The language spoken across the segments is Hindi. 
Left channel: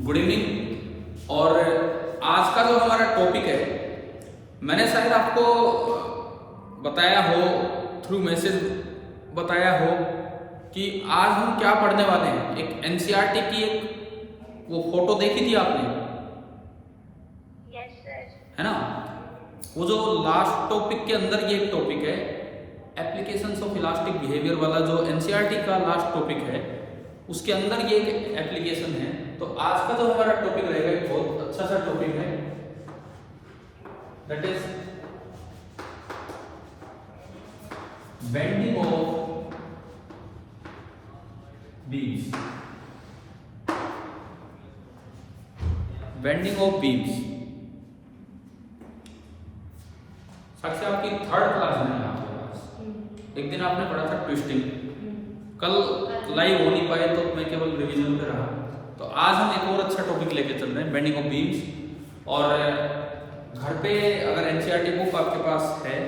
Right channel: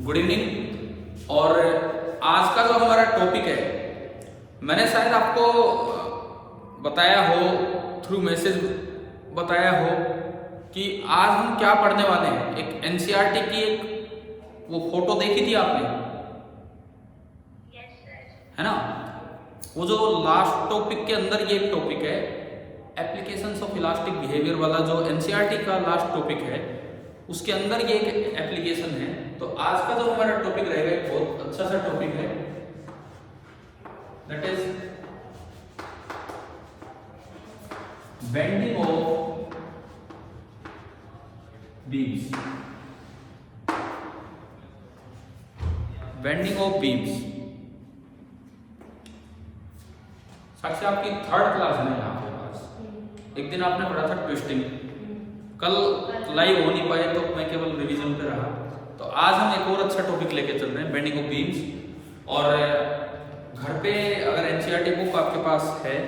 Good evening. और आज का जो हमारा टॉपिक है, मैंने शायद आपको बताया हो, थ्रू मैसेज बताया हो कि आज हम क्या पढ़ने वाले हैं। एक एनसीईआरटी की एक वो फोटो देखी थी आपने, है ना? वो जो लास्ट टॉपिक के अंदर ये एक टॉपिक है, एप्लीकेशंस ऑफ इलास्टिक बिहेवियर वाला जो एनसीईआरटी का लास्ट टॉपिक है, उसके अंदर ये एक एप्लीकेशन है। तो आज का जो हमारा टॉपिक रहेगा एक बहुत अच्छा सा टॉपिक है, that is bending of beams. Bending of beams Sakshi आपकी थर्ड क्लास है यहाँ पे पास। एक दिन आपने पढ़ा था ट्विस्टिंग, कल लाइव हो नहीं पाए तो मैं केवल रिवीजन पे रहा। तो आज हम एक और अच्छा टॉपिक लेके चल रहे हैं, बेंडिंग ऑफ बीम्स। और घर पे अगर एनसीईआरटी बुक आपके पास है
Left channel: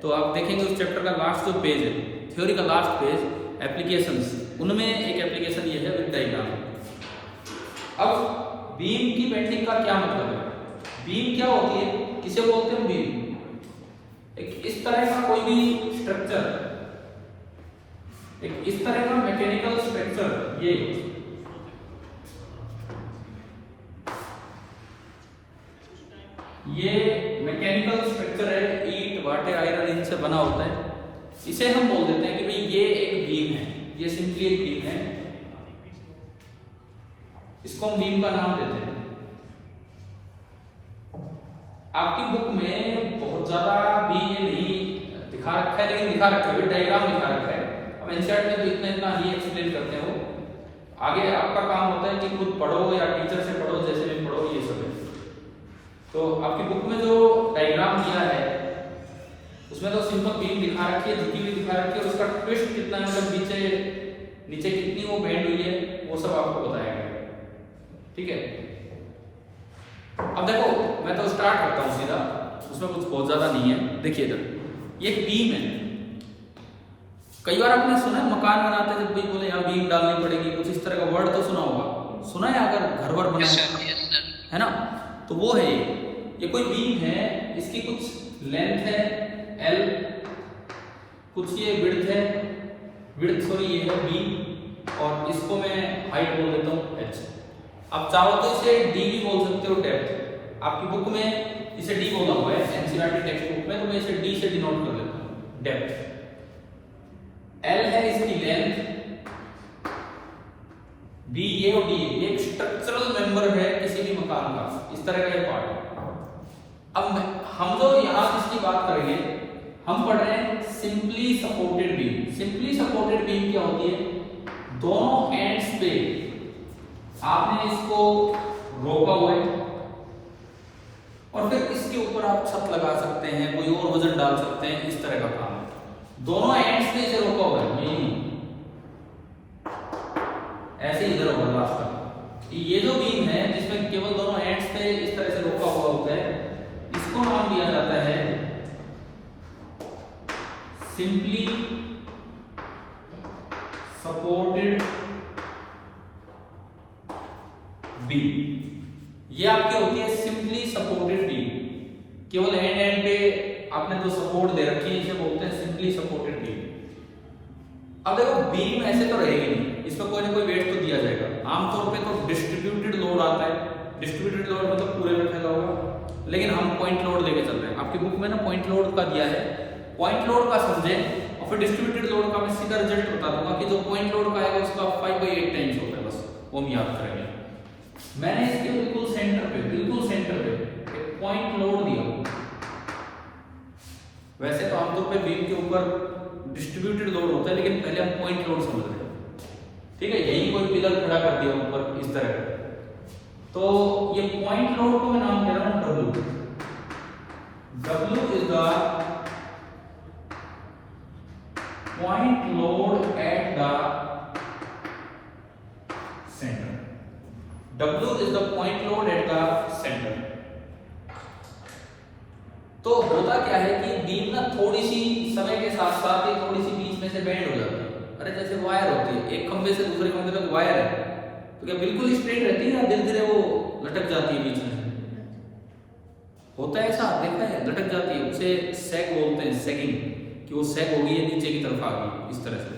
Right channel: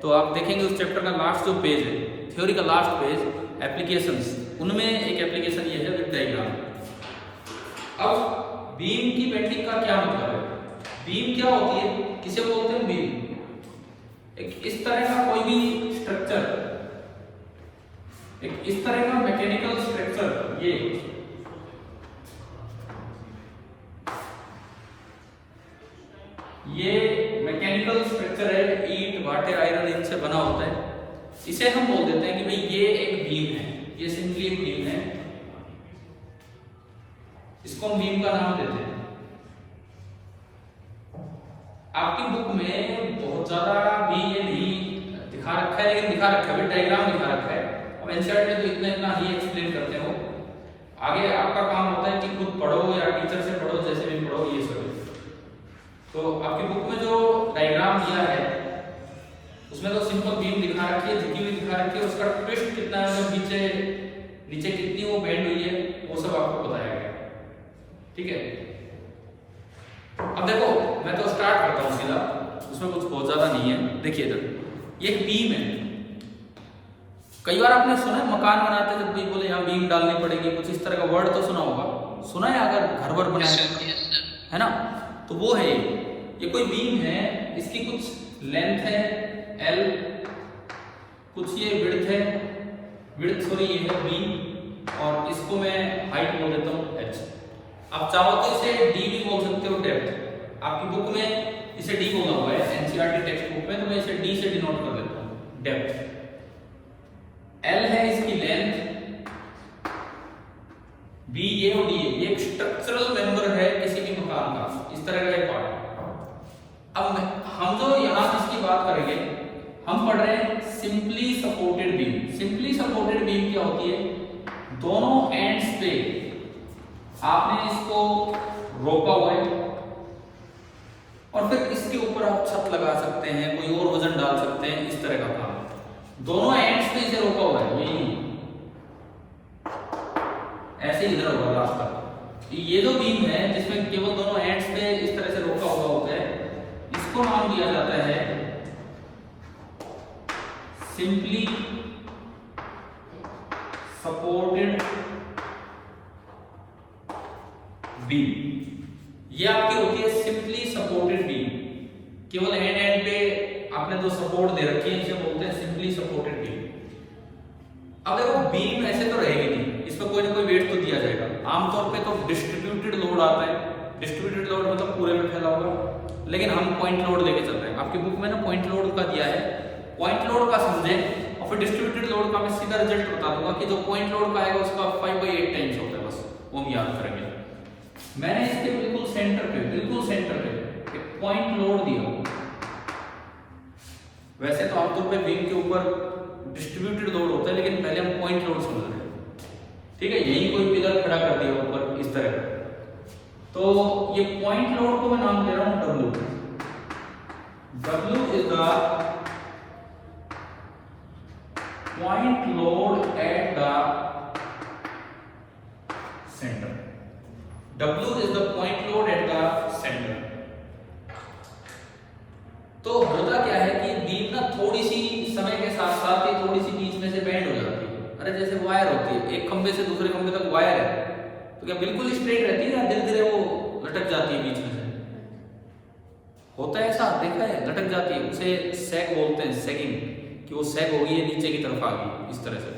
तो आप देखेंगे उस चैप्टर का लास्ट जो पेज है, थ्योरी का लास्ट पेज, एप्लीकेशंस, उनमें एक एप्लीकेशन ये है विद डायग्राम। अब बीम की बेंडिंग का क्या मतलब है? बीम क्या होती है, किसे बोलते हैं बीम? एक इस तरह का कोई भी स्ट्रक्चर, एक इस तरह का मैकेनिकल स्ट्रक्चर, ये मैकेनिकल स्ट्रक्चर है, ईंट वाटे आयरन इनसे बना होता है। इसे हम बोल देते हैं कि भाई ये एक बीम है, ये सिंपली एक बीम है, इसको हम बीम का नाम देते हैं। आपकी बुक में बहुत ज्यादा भी ये नहीं दिखा रखा है, लेकिन दिखा रखा है, डायग्राम दिखा रखा है। अब एनसीईआरटी में तो इतना इतना ही एक्सप्लेन करते हो, आगे आपका काम होता है कि खुद पढ़ो या टीचर से पढ़ो, जैसे भी पढ़ो ये सब। तो आपकी बुक में जो डायग्राम दिया है उसमें तो सिंपल बीम दिखा रखी है, झुकी हुई दिखा रखी है, उसका ट्विस्ट कितना है, नीचे नीचे कितनी वो बेंड हुई है, वो सब आपको बताया गया। ठीक है, अब देखो मैं तो स्टार्ट करता हूँ सीधा, उसमें कुछ बहुत ज्यादा नहीं है। देखिए इधर ये बीम है। कई बार आपने सुना है मकान बनाते हैं भाई बोले यहाँ बीम डालनी पड़ेगी, कुछ इस तरह का वर्ड तो सुना होगा, सुना है अगर घर वर बनाए, है ना? तो वो है ये कोई बीम है, इसकी कुछ लेंथ है L, कुछ ये विड्थ है, विड्थ ये है B, और इसको मैं हाइट बोल देता हूँ H। आप चाहो तो इसे D भी बोल सकते हो, डेप्थ। आपकी बुक में इसे D बोला हुआ है, एनसीईआरटी टेक्स्ट बुक में, तो मैं इसे D से डिनोट कर देता हूँ, डेप्थ। L है इसकी लेंथ, B ये और D ये एक स्ट्रक्चरल मेंबर है किसी भी मकान का, इस तरह का एक पार्ट। अब हम जो यहाँ जिसकी बात करेंगे, हम पढ़ रहे हैं simply supported beam. Simply supported beam क्या होती है? दोनों एंड्स पे आपने इसको रोका हुआ है और फिर इसके ऊपर आप छत लगा सकते हैं, कोई और वजन डाल सकते हैं, इस तरह का काम है। दोनों एंड्स पे इसे रोका हुआ है, ऐसे इधर होगा लास्ट तक। ये जो बीम है जिसमें केवल दोनों एंड्स पे इस तरह से रोका हुआ होता है, इसको नाम दिया जाता है सिंपली सपोर्टेड बीम। ये आपकी होती है सिंपली सपोर्टेड बीम, केवल एंड पे आपने जो सपोर्ट दे रखी है, इसे बोलते हैं सिंपली सपोर्टेड बीम। अब देखो बीम ऐसे तो रहेगी नहीं, इसमें कोई ना कोई वेट तो दिया जाएगा। आमतौर पे तो डिस्ट्रीब्यूटेड लोड आता है, डिस्ट्रीब्यूटेड लोड मतलब पूरे में फैला हुआ, लेकिन हम पॉइंट लोड लेके चल रहे हैं। आपकी बुक में ना पॉइंट लोड का दिया है, पॉइंट लोड का समझे और फिर डिस्ट्रीब्यूटेड लोड का मैं सीधा रिजल्ट बता दूंगा कि जो पॉइंट लोड का आएगा उसका 5/8 टाइम्स होता है, बस वो हम याद करेंगे। मैंने इसके बिल्कुल सेंटर पे एक पॉइंट लोड दिया। वैसे तो आमतौर पे बीम के ऊपर डिस्ट्रीब्यूटेड लोड होता है, लेकिन पहले हम पॉइंट लोड समझ रहे हैं। ठीक है, यही कोई पिलर खड़ा कर दिया ऊपर इस तरह का, तो ये पॉइंट लोड को मैं नाम दे रहा हूं W। W is the point load at the centre. W is the point load at the centre. तो होता क्या है कि बीम ना थोड़ी सी समय के साथ साथ थोड़ी सी बीच में से बेंड हो जाती है। अरे जैसे वायर होती है, एक खंबे से दूसरे खंबे तक वायर है, तो क्या बिल्कुल स्ट्रेट रहती है या धीरे धीरे वो लटक जाती है बीच में से? होता है ऐसा, देखा है, लटक जाती है, उसे सैग बोलते हैं, सैगिंग, कि वो सैग हो गई है, नीचे की तरफ आ गई इस तरह से।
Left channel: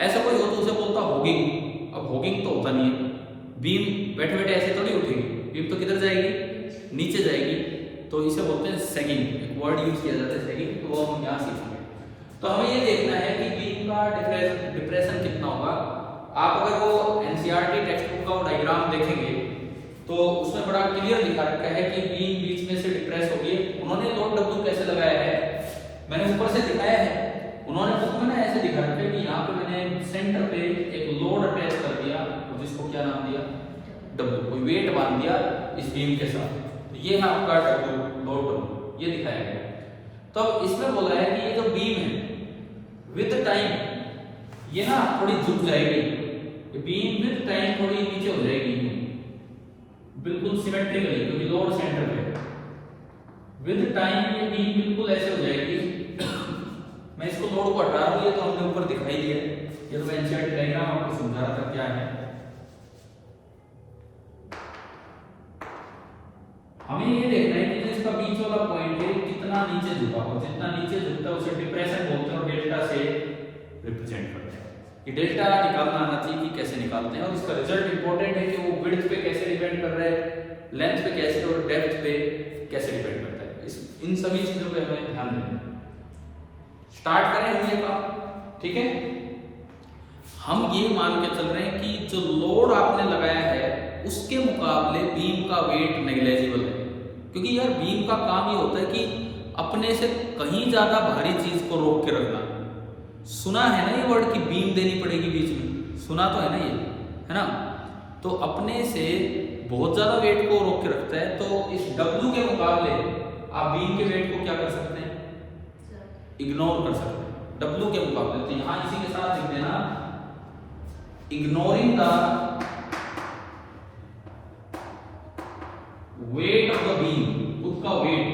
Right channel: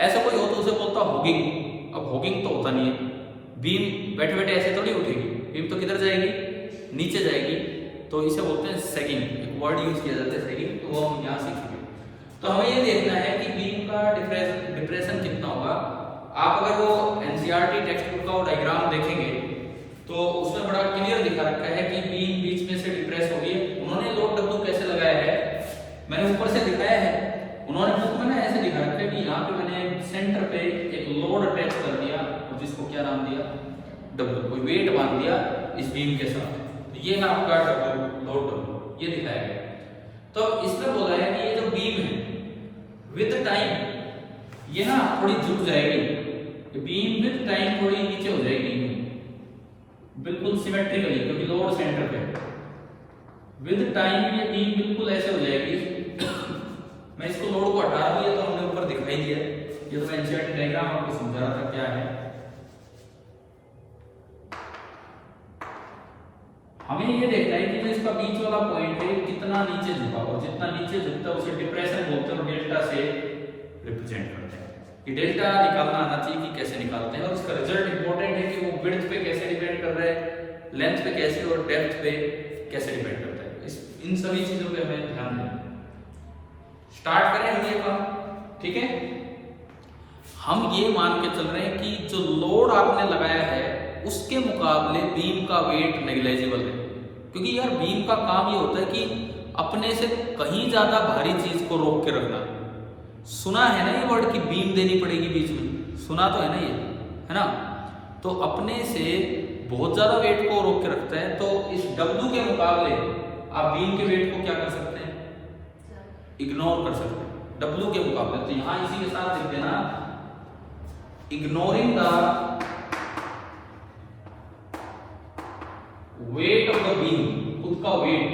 ऐसा कोई हो तो उसे बोलता होगिंग। अब होगिंग तो होता नहीं है, बीम बैठे बैठे ऐसे थोड़ी उठेगी, बीम तो किधर जाएगी, नीचे जाएगी, तो इसे बोलते हैं सैगिंग। एक वर्ड यूज किया जाता है सैगिंग, तो वो हम यहाँ सीखेंगे। तो हमें ये देखना है कि बीम का डिप्रेशन कितना होगा। आप अगर वो एनसीईआरटी टेक्स्ट बुक का वो डायग्राम देखेंगे तो उसमें बड़ा क्लियर दिखा रखा है कि बीम बीच में से डिप्रेस हो गई है। उन्होंने लोड डब्ल्यू कैसे लगाया है मैंने ऊपर से दिखाया है, उन्होंने बुक में ना ऐसे दिखा रखा है कि यहाँ पे मैंने सेंटर पे एक लोड अटैच कर दिया, जिसको क्या नाम दिया, डब्ल्यू, कोई वेट बांध दिया इस बीम के साथ, ये है आपका डब्ल्यू, लोड डब्ल्यू, ये दिखाया गया। तो इसमें बोला है कि ये जो बीम है विद टाइम ये ना थोड़ी झुक जाएगी, बीम विद टाइम थोड़ी नीचे हो जाएगी, बिल्कुल सिमेट्रिकली, क्योंकि लोड सेंटर पे है। विद टाइम ये बीम बिल्कुल ऐसे हो जाएगी। मैं इसको लोड को हटा रहा हूं, ये तो हमने ऊपर दिखाई दिया, ये तो मैं एनसीईआरटी डायग्राम आपको समझा रहा था क्या है। हमें ये देखना है कि इसका बीच वाला पॉइंट है कितना नीचे झुका, और जितना नीचे झुकता है उसे डिप्रेशन बोलते हैं और डेल्टा से रिप्रेजेंट करते हैं। ये डेल्टा निकालना आना चाहिए कि कैसे निकालते हैं, और इसका रिजल्ट इंपॉर्टेंट है कि वो विड्थ पे कैसे डिपेंड कर रहा है, लेंथ पे कैसे और डेप्थ पे कैसे डिपेंड करता है। इन सभी चीजों पे हमें ध्यान देना। स्टार्ट करें हमने काम, ठीक है। हम ये मान के चल रहे हैं कि जो लोड आपने लगाया है उसके मुकाबले बीम का वेट नेग्लिजिबल है, क्योंकि यार बीम का काम ये होता है कि अपने से कहीं ज्यादा भारी चीज को रोक के रखना। सुना है ना ये वर्ड कि बीम देनी पड़ेगी बीच में, सुना तो है ना ये, है ना। तो अपने से बहुत ज्यादा वेट को रोक के रखता है, तो इस डब्ल्यू के मुकाबले आप बीम के वेट को क्या कर सकते हैं, इग्नोर कर सकते हैं डब्ल्यू के मुकाबले। तो यहां इसी के साथ लिख देना, ignoring the weight of the beam, खुद का weight,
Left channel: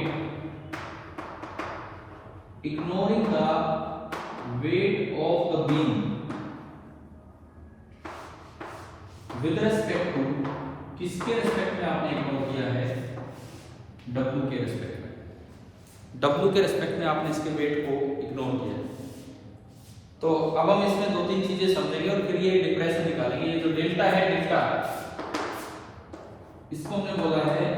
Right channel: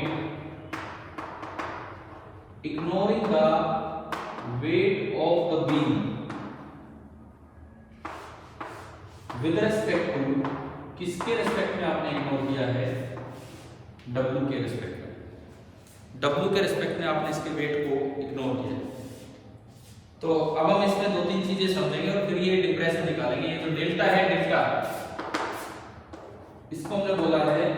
ignoring the weight of the beam with respect to, किसके रेस्पेक्ट में आपने इग्नोर किया है, W के रेस्पेक्ट में, W के रेस्पेक्ट में आपने इसके वेट को इग्नोर किया। तो अब हम इसमें दो तीन चीजें समझेंगे और फिर ये डिप्रेशन निकालेंगे। ये जो डेल्टा है, डेल्टा इसको हमने बोला है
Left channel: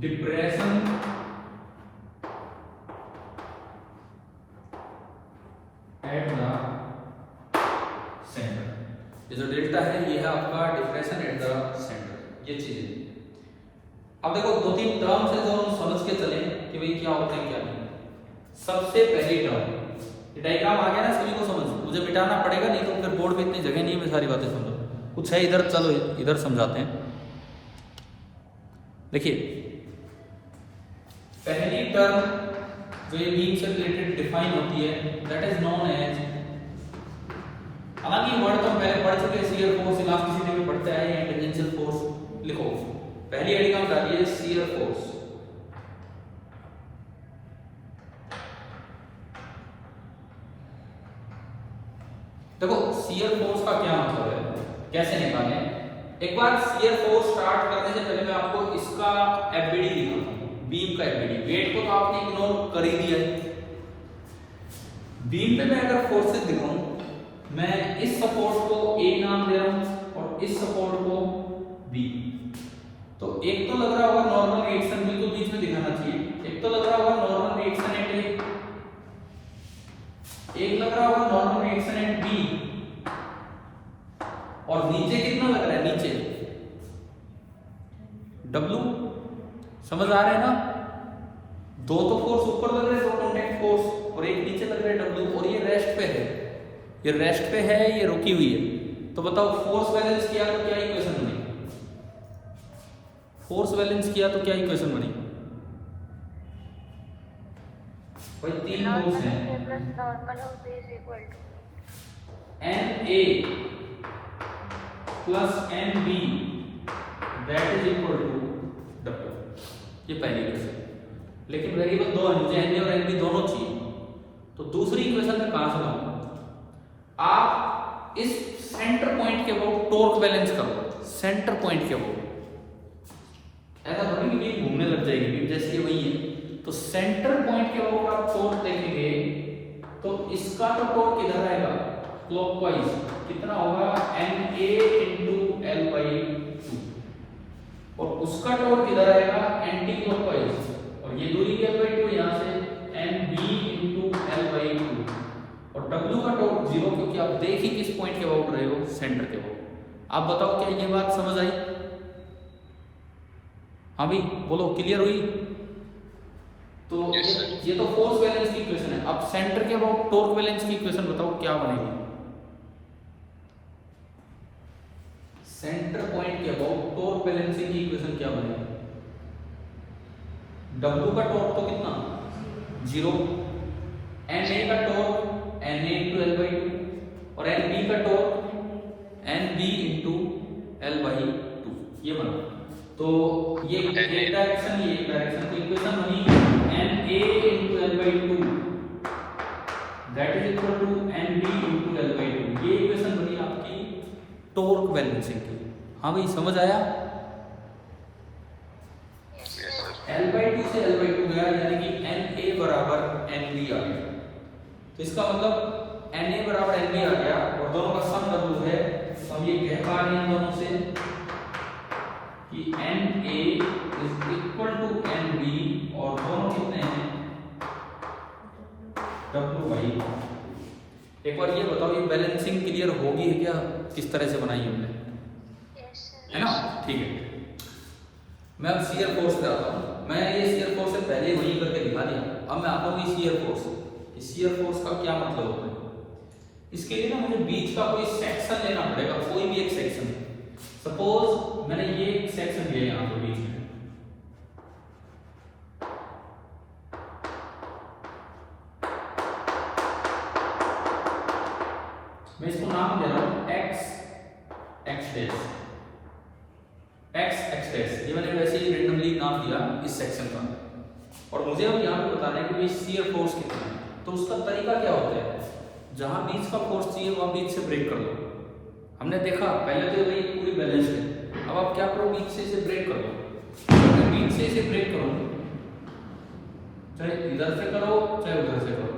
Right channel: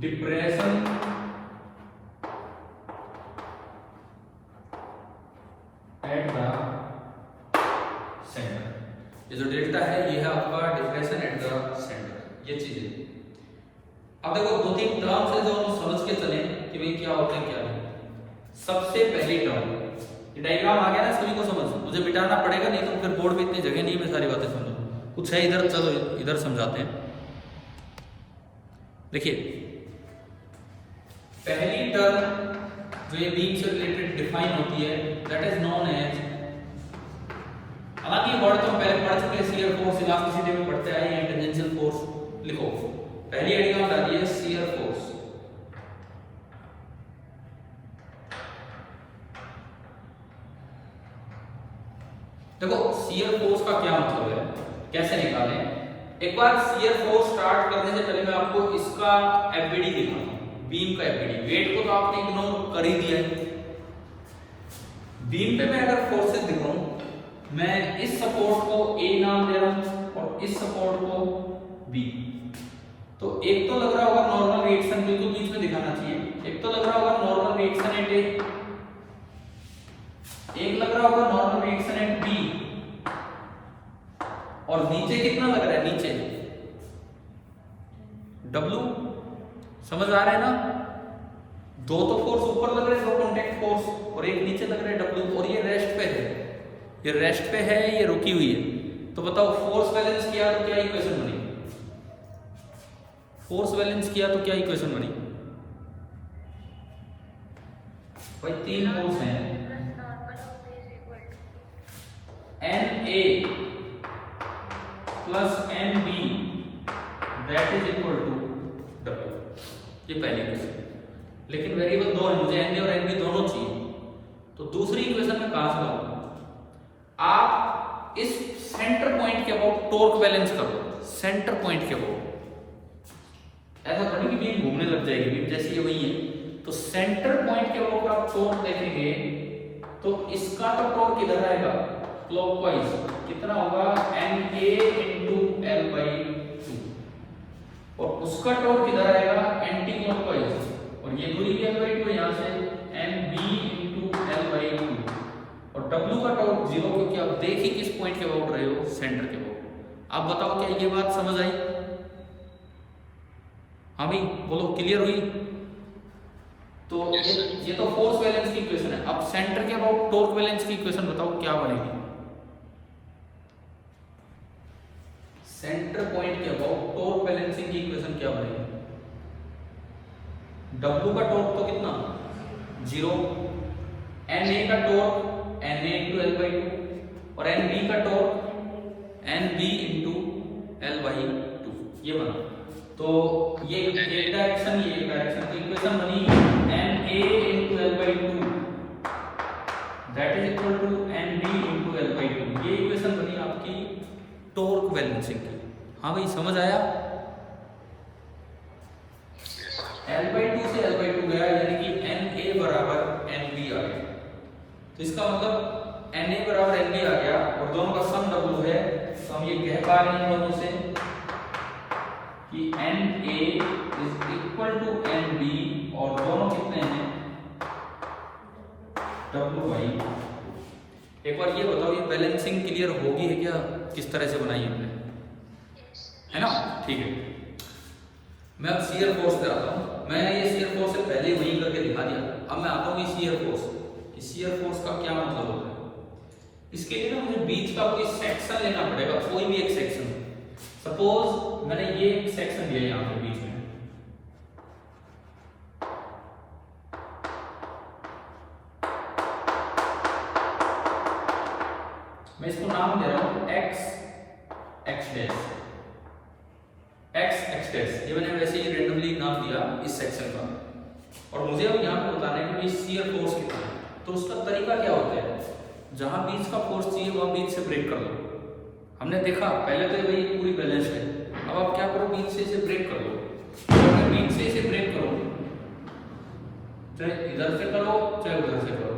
डिप्रेशन एट द सेंटर। ये जो डेल्टा है ये है आपका डिप्रेशन एट द सेंटर, ये चीज है। अब देखो दो तीन टर्म्स है जो हम समझ के चले कि भाई क्या होता है क्या नहीं। सबसे पहली टर्म, ये डायग्राम आ गया ना सभी को समझ, मुझे मिटाना पड़ेगा नहीं तो फिर बोर्ड पे इतनी जगह नहीं, मैं सारी बातें समझूं। कुछ है इधर, चलो इधर समझाते हैं। देखिए पहली टर्म जो ये बीम से रिलेटेड डिफाइन होती है, दैट इज नोन एज, हालांकि वर्ड तो हम पहले पढ़ चुके हैं, शियर फोर्स, इलास्टिसिटी में पढ़ते हैं, या टेंजेंशियल फोर्स लिखो। पहली हेडिंग डालिए शियर फोर्स। देखो शियर फोर्स का क्या मतलब है, कैसे निकालें। एक बार शियर फोर्स स्टार्ट करने से पहले मैं आपको इसका एफबीडी दिखाता हूं, बीम का एफबीडी। वेट को तो आपने इग्नोर कर ही दिया है, बीम पे मैं अगर फोर्सेस दिखाऊं, मैं इस सपोर्ट को ए नाम दे रहा हूं और इस सपोर्ट को बी। तो एक तो लग रहा होगा नॉर्मल रिएक्शन, बिल्कुल बीच में दिखाना चाहिए। एक तो लग रहा होगा नॉर्मल रिएक्शन एट ए, एक लग रहा होगा नॉर्मल रिएक्शन एट बी, और नीचे कितना लग रहा है, नीचे डब्ल्यू। समझ आ रहा है ना, दो तो फोर्स ऊपर लग रहे हैं, दो कॉन्टैक्ट फोर्स, और एक नीचे लग रहा है डब्ल्यू, और ये रेस्ट पे है, ये रेस्ट पे है, ये रुकी हुई है। तो बताओ फोर्स बैलेंस किया तो क्या इक्वेशन बनी, फोर्स बैलेंस किया तो क्या इक्वेशन बनी भाई, तीन फोर्स हैं, N A plus N B that is equal to W, ये पहली इक्वेशन। लेकिन वेरिएबल दो है, मुझे एन ए और एन बी दोनों चाहिए। तो दूसरी इक्वेशन में कहां से लाऊं, आप इस सेंटर पॉइंट के अबाउट टॉर्क बैलेंस कर लो, सेंटर पॉइंट के अबाउट। ऐसा थोड़ी कि बीम घूमने लग जाएगी, बीम जैसे ये वही है। तो सेंटर पॉइंट के अबाउट आप टॉर्क देखेंगे तो इसका तो टॉर्क इधर आएगा क्लॉकवाइज, कितना होगा NA × L/2, और उसका टॉर्क इधर आएगा एंटी क्लॉकवाइज, और ये दूरी L/2 यहाँ से NB × L/2, और W का टॉर्क 0, क्योंकि आप देख ही किस पॉइंट के अबाउट रहे हो, सेंटर के अबाउट। आप बताओ क्या ये बात समझ आई? हाँ भाई बोलो, क्लियर हुई? तो ये तो फोर्स बैलेंस की इक्वेशन है। अब सेंटर के अबाउट टॉर्क बैलेंस की इक्वेशन बताओ क्या बनेगी? सेंटर पॉइंट के अबाउट टॉर्क बैलेंसिंग की इक्वेशन क्या बनेगी? W का टॉर्क तो कितना 0, NA का टॉर्क NA × L/2, और NB का टॉर्क NB × L/2, ये बना। तो ये एक डायरेक्शन, ये एक डायरेक्शन की इक्वेशन बनी NA × L/2 that is equal to NB × L/2, ये इक्वेशन बनी आपकी टॉर्क बैलेंसिंग की। हाँ भाई समझ आया? L/2 से L/2 गया, यानी कि NA बराबर NB आ गया। तो इसका मतलब NA बराबर NB आ गया, और दोनों का सम W है, तो हम ये कह पा रहे हैं दोनों से कि NA is equal to NB, और दोनों कितने हैं W/। एक बार ये बताओ, ये बैलेंसिंग क्लियर होगी है क्या? किस तरह से बनाई हमने, है ना? ठीक है, मैं अब शियर फोर्स पे आता हूँ। मैं ये शियर फोर्स से पहले वही करके दिखा दिया, अब मैं आता हूँ शियर फोर्स। शियर फोर्स का क्या मतलब होता है? इसके लिए ना मुझे बीच का कोई सेक्शन लेना पड़ेगा, कोई भी एक सेक्शन। सपोज मैंने ये एक सेक्शन लिया यहाँ पे बीच में, मैं इसको नाम दे रहा हूं x डैश। ये मैंने वैसे ही रेंडमली नाम दिया इस सेक्शन का, और मुझे अब यहाँ पे बताना है कि शियर फोर्स कितना है। तो उसका तरीका क्या होता है? जहां बीच का फोर्स चाहिए वहां बीच से ब्रेक कर लो। हमने देखा पहले तो भाई पूरी बैलेंस है, अब आप क्या करो, बीच से इसे ब्रेक कर लो। तो बीच से इसे ब्रेक करो, चाहे इधर से करो चाहे उधर से करो।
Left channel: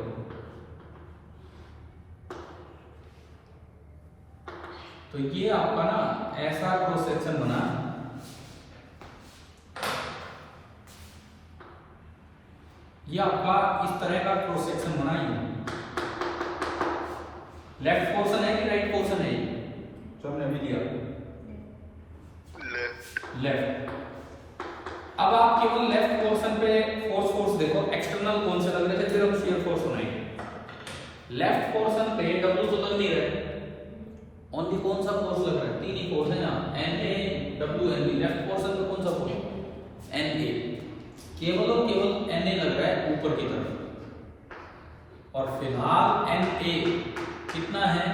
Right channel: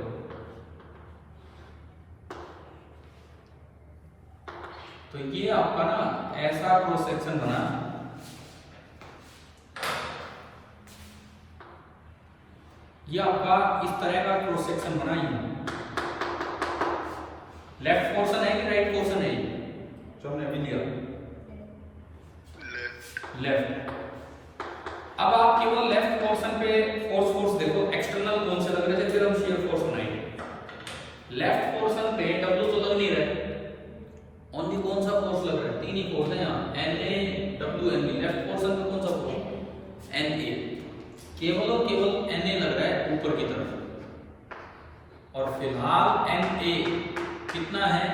तो ये आपका ना ऐसा क्रॉस सेक्शन बना, ये आपका इस तरह का क्रॉस सेक्शन बना। ही लेफ्ट पोर्शन है कि राइट पोर्शन है? जो हमने अभी लिया लेफ्ट। अब आप केवल लेफ्ट पोर्शन पे फोर्स देखो, एक्सटर्नल कौन से लग रहे थे, फिर हम शियर फोर्स बनाएंगे। लेफ्ट पोर्शन पे W तो लग नहीं रहे, ओनली कौन सा फोर्स लग रहा है? तीन ही फोर्स है यहाँ, NA W NB। Left portion पे कौन सा फोर्स? NA, केवल और केवल NA लग रहा है ऊपर की तरफ, और फिलहाल NA कितना है?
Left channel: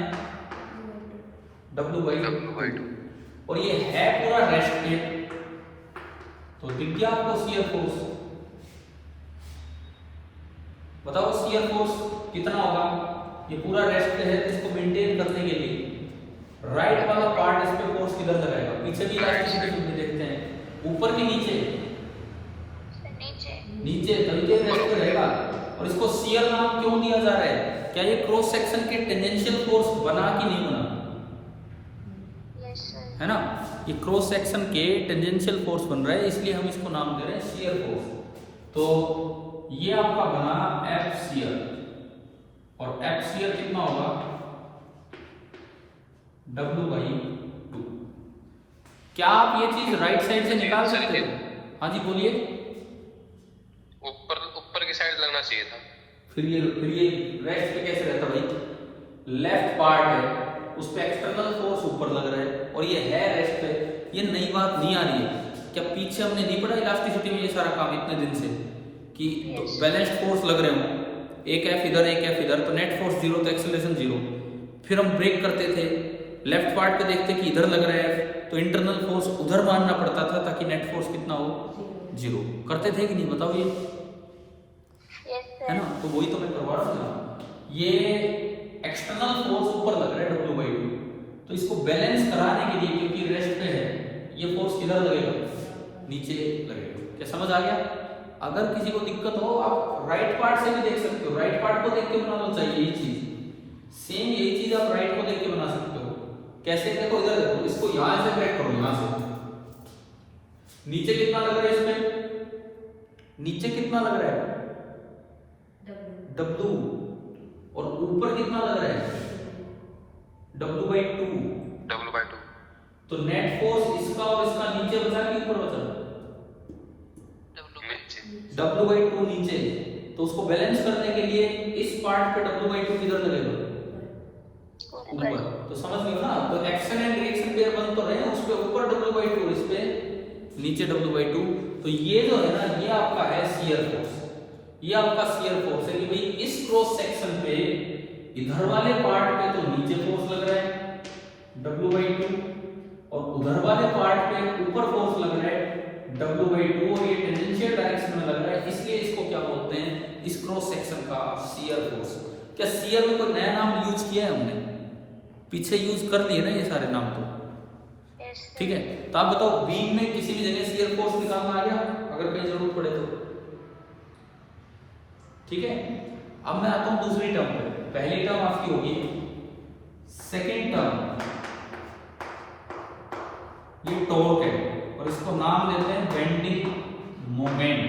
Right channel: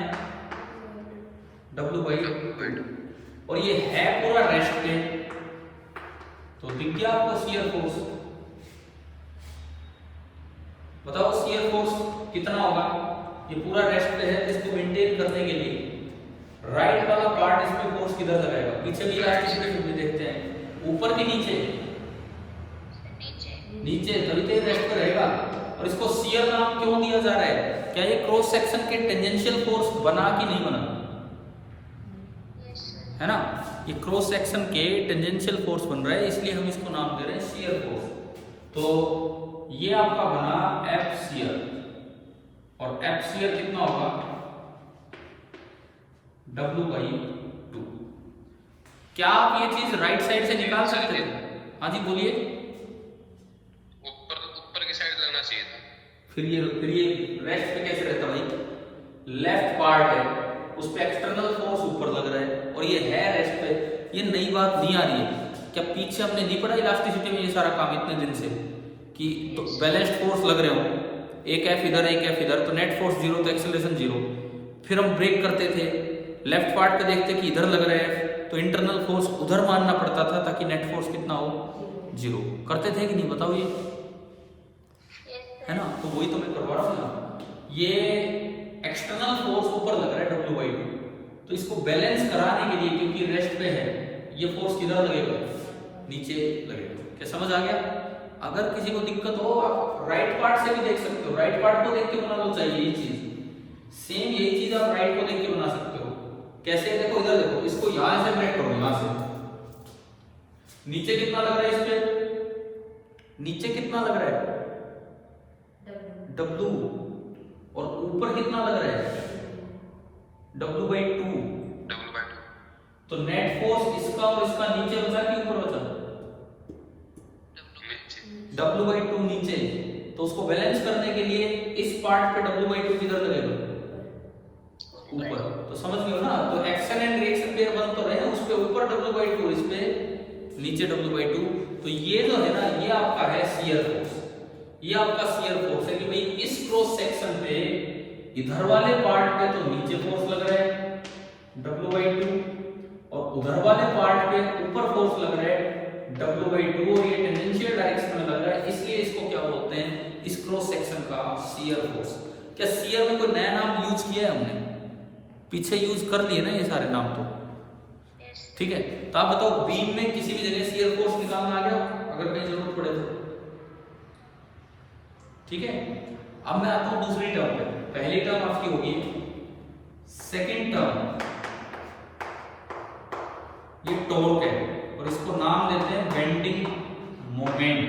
W/2, और ये है पूरा रेस्ट पे। तो दिख गया आपको शियर फोर्स? बताओ शियर फोर्स कितना होगा? ये पूरा रेस्ट पे है, इसको मेंटेन करने के लिए राइट वाला पार्ट इस पे फोर्स किधर लगाएगा? पीछे भी इलास्टिसिटी देखते हैं, ऊपर की नीचे नीचे, तभी तो रेस्ट पे रहेगा। और इसको शियर नाम क्यों दिया जा रहा है? क्या ये क्रॉस सेक्शन के टेंजेंशियल फोर्स बना कि नहीं बना? है ना, ये क्रॉस सेक्शन के टेंजेंशियल फोर्स बन रहा है, इसलिए हम इसको नाम दे रहे हैं शियर फोर्स। तो ये आपका बना F शियर, और F शियर कितना होगा? W/2। क्या आप ये चीज राइट साइड से निकाल सकते थे? हाँ जी बोलिए। ऊपर की साइड लगना चाहिए था। फिर ये रेस्ट पे कैसे रहता भाई? लेफ्ट पार्ट है, उस पे एक्सटर्नल फोर्स ऊपर लग रहा है, और ये है रेस्ट पे। ये नई बात नहीं आ रही है क्या? पीछे हमने नहीं पढ़ा इलास्टिसिटी में ये सारा काम इतने दिन से, कि तो बैलेंस्ड फोर्स लग रहे हो, एक F इधर एक F इधर, तो नेट फोर्स 0 तो एक्सेलरेशन 0। फिर हम ब्रेक करते थे, लेफ्ट पार्ट पे देखते कि इधर लग रहा है, तो इंटरनल फोर्स उधर मानना पड़ता था ताकि नेट फोर्स कितना हो? 0। करते थे कि नहीं बताओ ये? है ना, तो वही तो मैं करवा रहा हूँ ना। ये एक्सटर्नल फोर्स ऊपर लग रहा है W/2, तो इसको बैलेंस कराने के लिए, क्योंकि रेस्ट पे है, ये फोर्स किधर लगेगा, नीचे लगेगा। क्या समझ आ गया? अगर किसी को दिक्कत हो आप राइट पार्ट से भी देख सकते हो, राइट पार्ट को देख के बना लो, चाहिए ये चीज सेम, यही चीज आप राइट को देख के बना सकते हो। कैसे? देखो इधर देखो, इसको यहां से ब्रेक करो, यहां से नीचे कितना लग रहा है, इसमें नीचे कितना लग रहा है W, और ऊपर कितना लग रहा है W/2। W/2। तो नेट फोर्स इसका और इसका नीचे बचा कि ऊपर बचा? W/2 नीचे। तो उसको बैलेंस करने के लिए इस पार्ट पे W/2 किधर लगेगा, ऊपर। तो समझ गए ना? तो एक्शन एंड रिएक्शन पेयर बन तो रहे हैं, उस पे ऊपर W/2, इस पे नीचे W/2। तो ये जो है ना, ये आपका है शियर फोर्स, ये आपका शियर फोर्स है कि भाई इस क्रॉस सेक्शन पे इधर वाले पार्ट पे तो नीचे फोर्स लग रहा है W/2, और उधर वाले पार्ट पे ऊपर फोर्स लग रहा है W/2, और ये टेंजेंशियल डायरेक्शन में लग रहा है, इसलिए इसको क्या बोलते हैं, इस क्रॉस सेक्शन का शियर फोर्स। क्या शियर में कोई नया नाम यूज किया है हमने? पीछे यूज कर लिए ना ये सारे नाम तो, ठीक है। तो आप बताओ, बीम में किसी भी जगह शियर फोर्स निकालना आ गया अगर कहीं जरूरत पड़े तो, ठीक है। अब मैं आता हूं दूसरी टर्म पे। पहली टर्म आपकी होगी, सेकेंड टर्म ये टॉर्क है, और इसको नाम देते हैं बेंडिंग मोमेंट।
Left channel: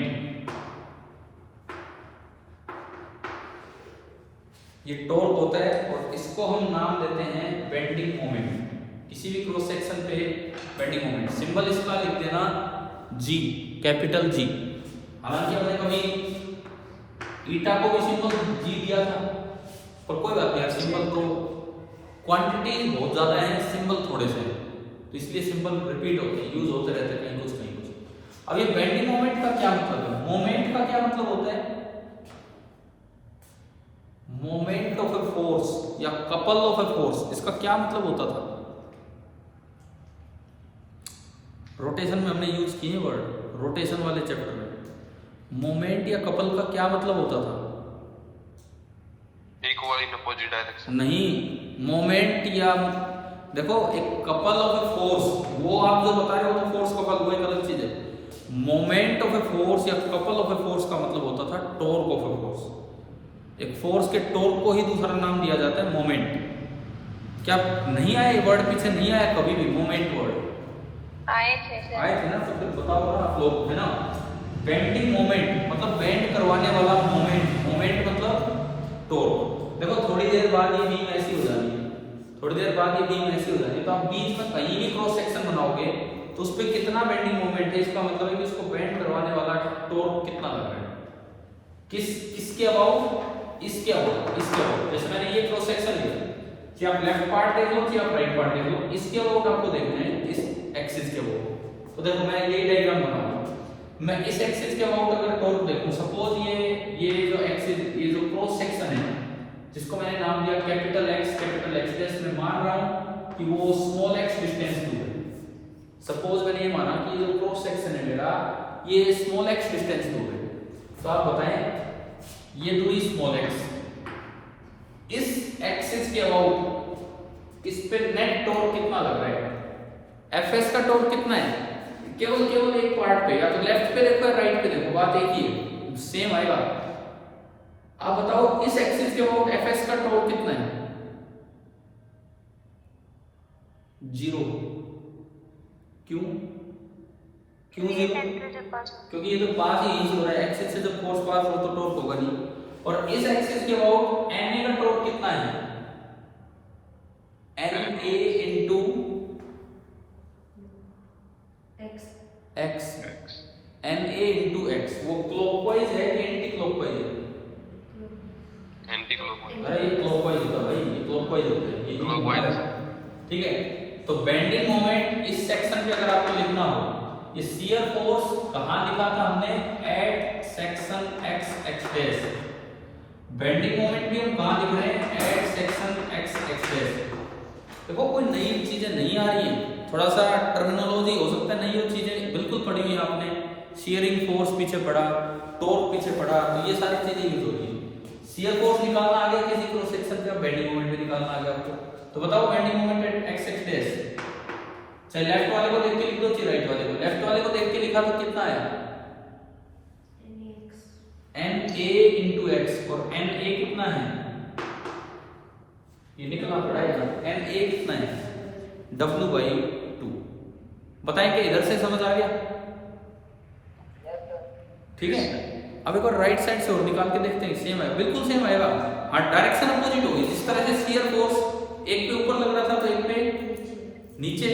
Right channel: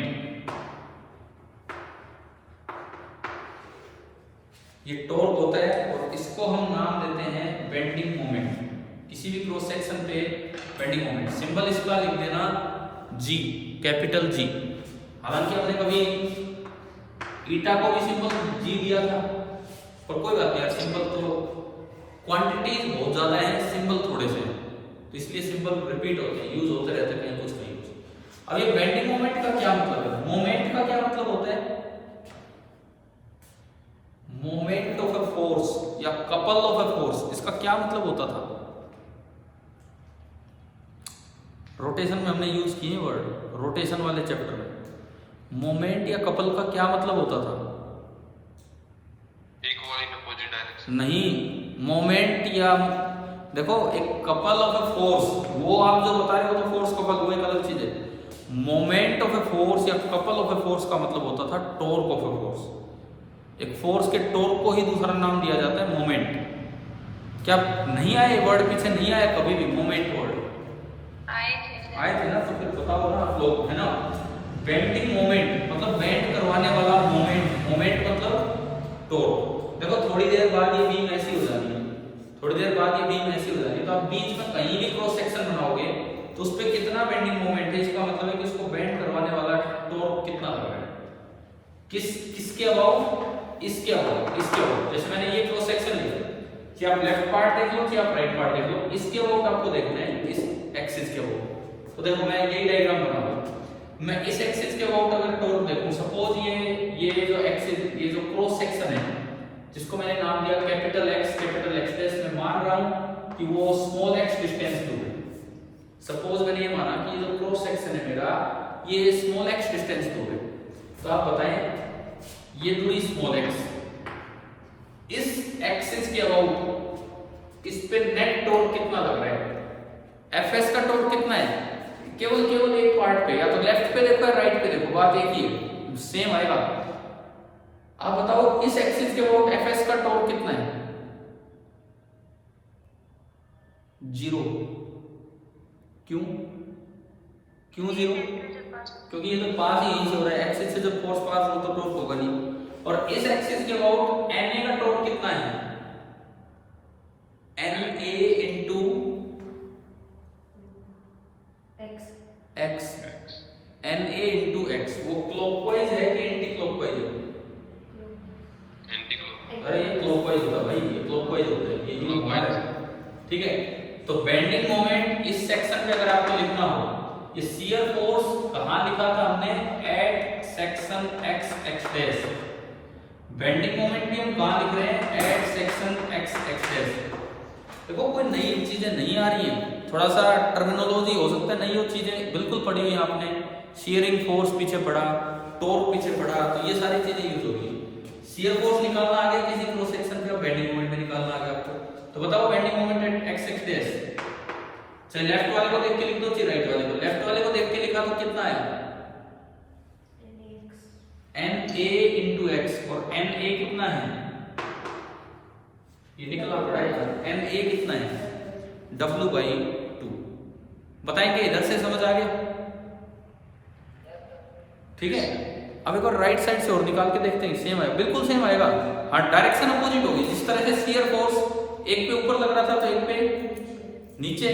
ये टॉर्क होता है और इसको हम नाम देते हैं बेंडिंग मोमेंट। किसी भी क्रॉस सेक्शन पे बेंडिंग मोमेंट, सिंबल इसका लिख देना G, कैपिटल G। हालांकि हमने कभी ईटा को भी सिंबल G दिया था, पर कोई बात नहीं, सिंबल तो क्वांटिटीज बहुत ज्यादा है, सिंबल थोड़े से, तो इसलिए सिंबल रिपीट होते हैं, यूज होते रहते हैं, यूज नहीं होते। अब ये बेंडिंग मोमेंट का क्या मतलब है? मोमेंट का क्या मतलब होता है? मोमेंट ऑफ ए फोर्स या कपल ऑफ ए फोर्स, इसका क्या मतलब होता था? रोटेशन में हमने यूज किए वर्ड, रोटेशन वाले चैप्टर में। मोमेंट या कपल का क्या मतलब होता था? Equal in opposite direction. नहीं, मोमेंट या देखो, एक कपल ऑफ ए फोर्स, वो आप जो बता रहे हो वो फोर्स कपल, वो एक अलग चीज है। मोमेंट ऑफ ए फोर्स या कपल ऑफ ए फोर्स का मतलब होता था टॉर्क ऑफ ए फोर्स। एक फोर्स के टॉर्क को ही दूसरा नाम दिया जाता है मोमेंट। क्या नहीं आए वर्ड, पीछे नहीं आया कभी भी मोमेंट वर्ड? आए थे ना, तो फिर बताओ ना आप लोग, है ना। बेंडिंग मोमेंट मतलब बेंड करवाने वाला मोमेंट, मोमेंट मतलब टॉर्क। देखो थोड़ी देर बाद ये बीम ऐसी हो जानी है, थोड़ी देर बाद ये बीम ऐसी हो जाती है, तो आप बीच में कहीं भी क्रॉस सेक्शन बनाओगे तो उस पर कितना बेंडिंग मोमेंट है, इसका मतलब है कि उसको बेंड करवाने वाला टॉर्क कितना लग रहा है, किसके अबाउट, इसके अबाउट, इसके अबाउट। जैसे मैंने ये क्रॉस सेक्शन लिया, कि आप लेफ्ट पार्ट देख लो कि आप राइट पार्ट देख लो, इसके अबाउट आपको देखना है, इस एक्सिस के अबाउट। तो देखो मैं यही डायग्राम बनाऊंगा, मैं इस एक्सिस के अबाउट अगर टॉर्क देखूं, सपोज ये जो एक्सिस, ये जो क्रॉस सेक्शन है जिसको मैंने नाम दिया कैपिटल एक्स, मैं मान रहा हूं कि वो स्मॉल एक्स डिस्टेंस दूर है। सपोज मैंने ये माना कि ये जो क्रॉस सेक्शन है मेरा, ये स्मॉल एक्स डिस्टेंस दूर है, तो आप बताएं ये दूरी स्मॉल एक्स, इस एक्सिस के अबाउट इस पे नेट टॉर्क कितना लग रहा है, एफएस का टॉर्क कितना है, केवल एक पार्ट पे, या तो लेफ्ट पे देखो या राइट पे देखो, बात एक ही है, सेम आएगा। आप बताओ इस एक्सिस के अबाउट एफएस का टॉर्क कितना है? 0। क्यों 0? क्योंकि ये तो पास ही हो रहा है, एक्सिस से जब फोर्स पास हो तो टॉर्क होगा नहीं। और इस एक्सिस के अबाउट एनए का टॉर्क कितना है? NA into X, NA into X. वो क्लॉकवाइज है कि एंटी क्लॉकवाइज है? Anti clockwise. अरे ये क्लॉकवाइज होता है भाई, ये क्लॉकवाइज होता है, ये क्लॉकवाइज, ठीक है। तो बेंडिंग मोमेंट इस सेक्शन पे अगर आपको लिखना हो, ये शियर फोर्स कहां लिखा था हमने? At section X X dash. Bending moment भी हम कहां लिख रहे हैं? At section X X dash. देखो कोई नई चीजें नहीं आ रही हैं, थोड़ा सा टर्मिनोलॉजी हो सकता है नई, वो चीजें बिल्कुल पढ़ी हुई आपने। शियरिंग फोर्स पीछे पढ़ा, टॉर्क पीछे पढ़ा, तो ये सारी चीजें यूज होती है। शियर फोर्स निकालना आ गया किसी क्रॉस सेक्शन पे, बेंडिंग मोमेंट भी निकालना आ गया आपको। तो बताओ bending moment at x X dash, चाहे लेफ्ट वाले को देख के लिख दो चाहे राइट वाले को। लेफ्ट वाले को देख के लिखा तो कितना है एन ए इंटू एक्स, और एन ए कितना है ये निकलना पड़ा है, एन ए कितना है W/2। बताएं कि इधर से समझ आ गया? ठीक है, अब एक बार राइट साइड से और निकाल के देखते हैं, सेम है, बिल्कुल सेम आएगा। हाँ, डायरेक्शन अपोजिट होगी। जिस तरह से शियर फोर्स एक पे ऊपर लग रहा था तो एक पे नीचे।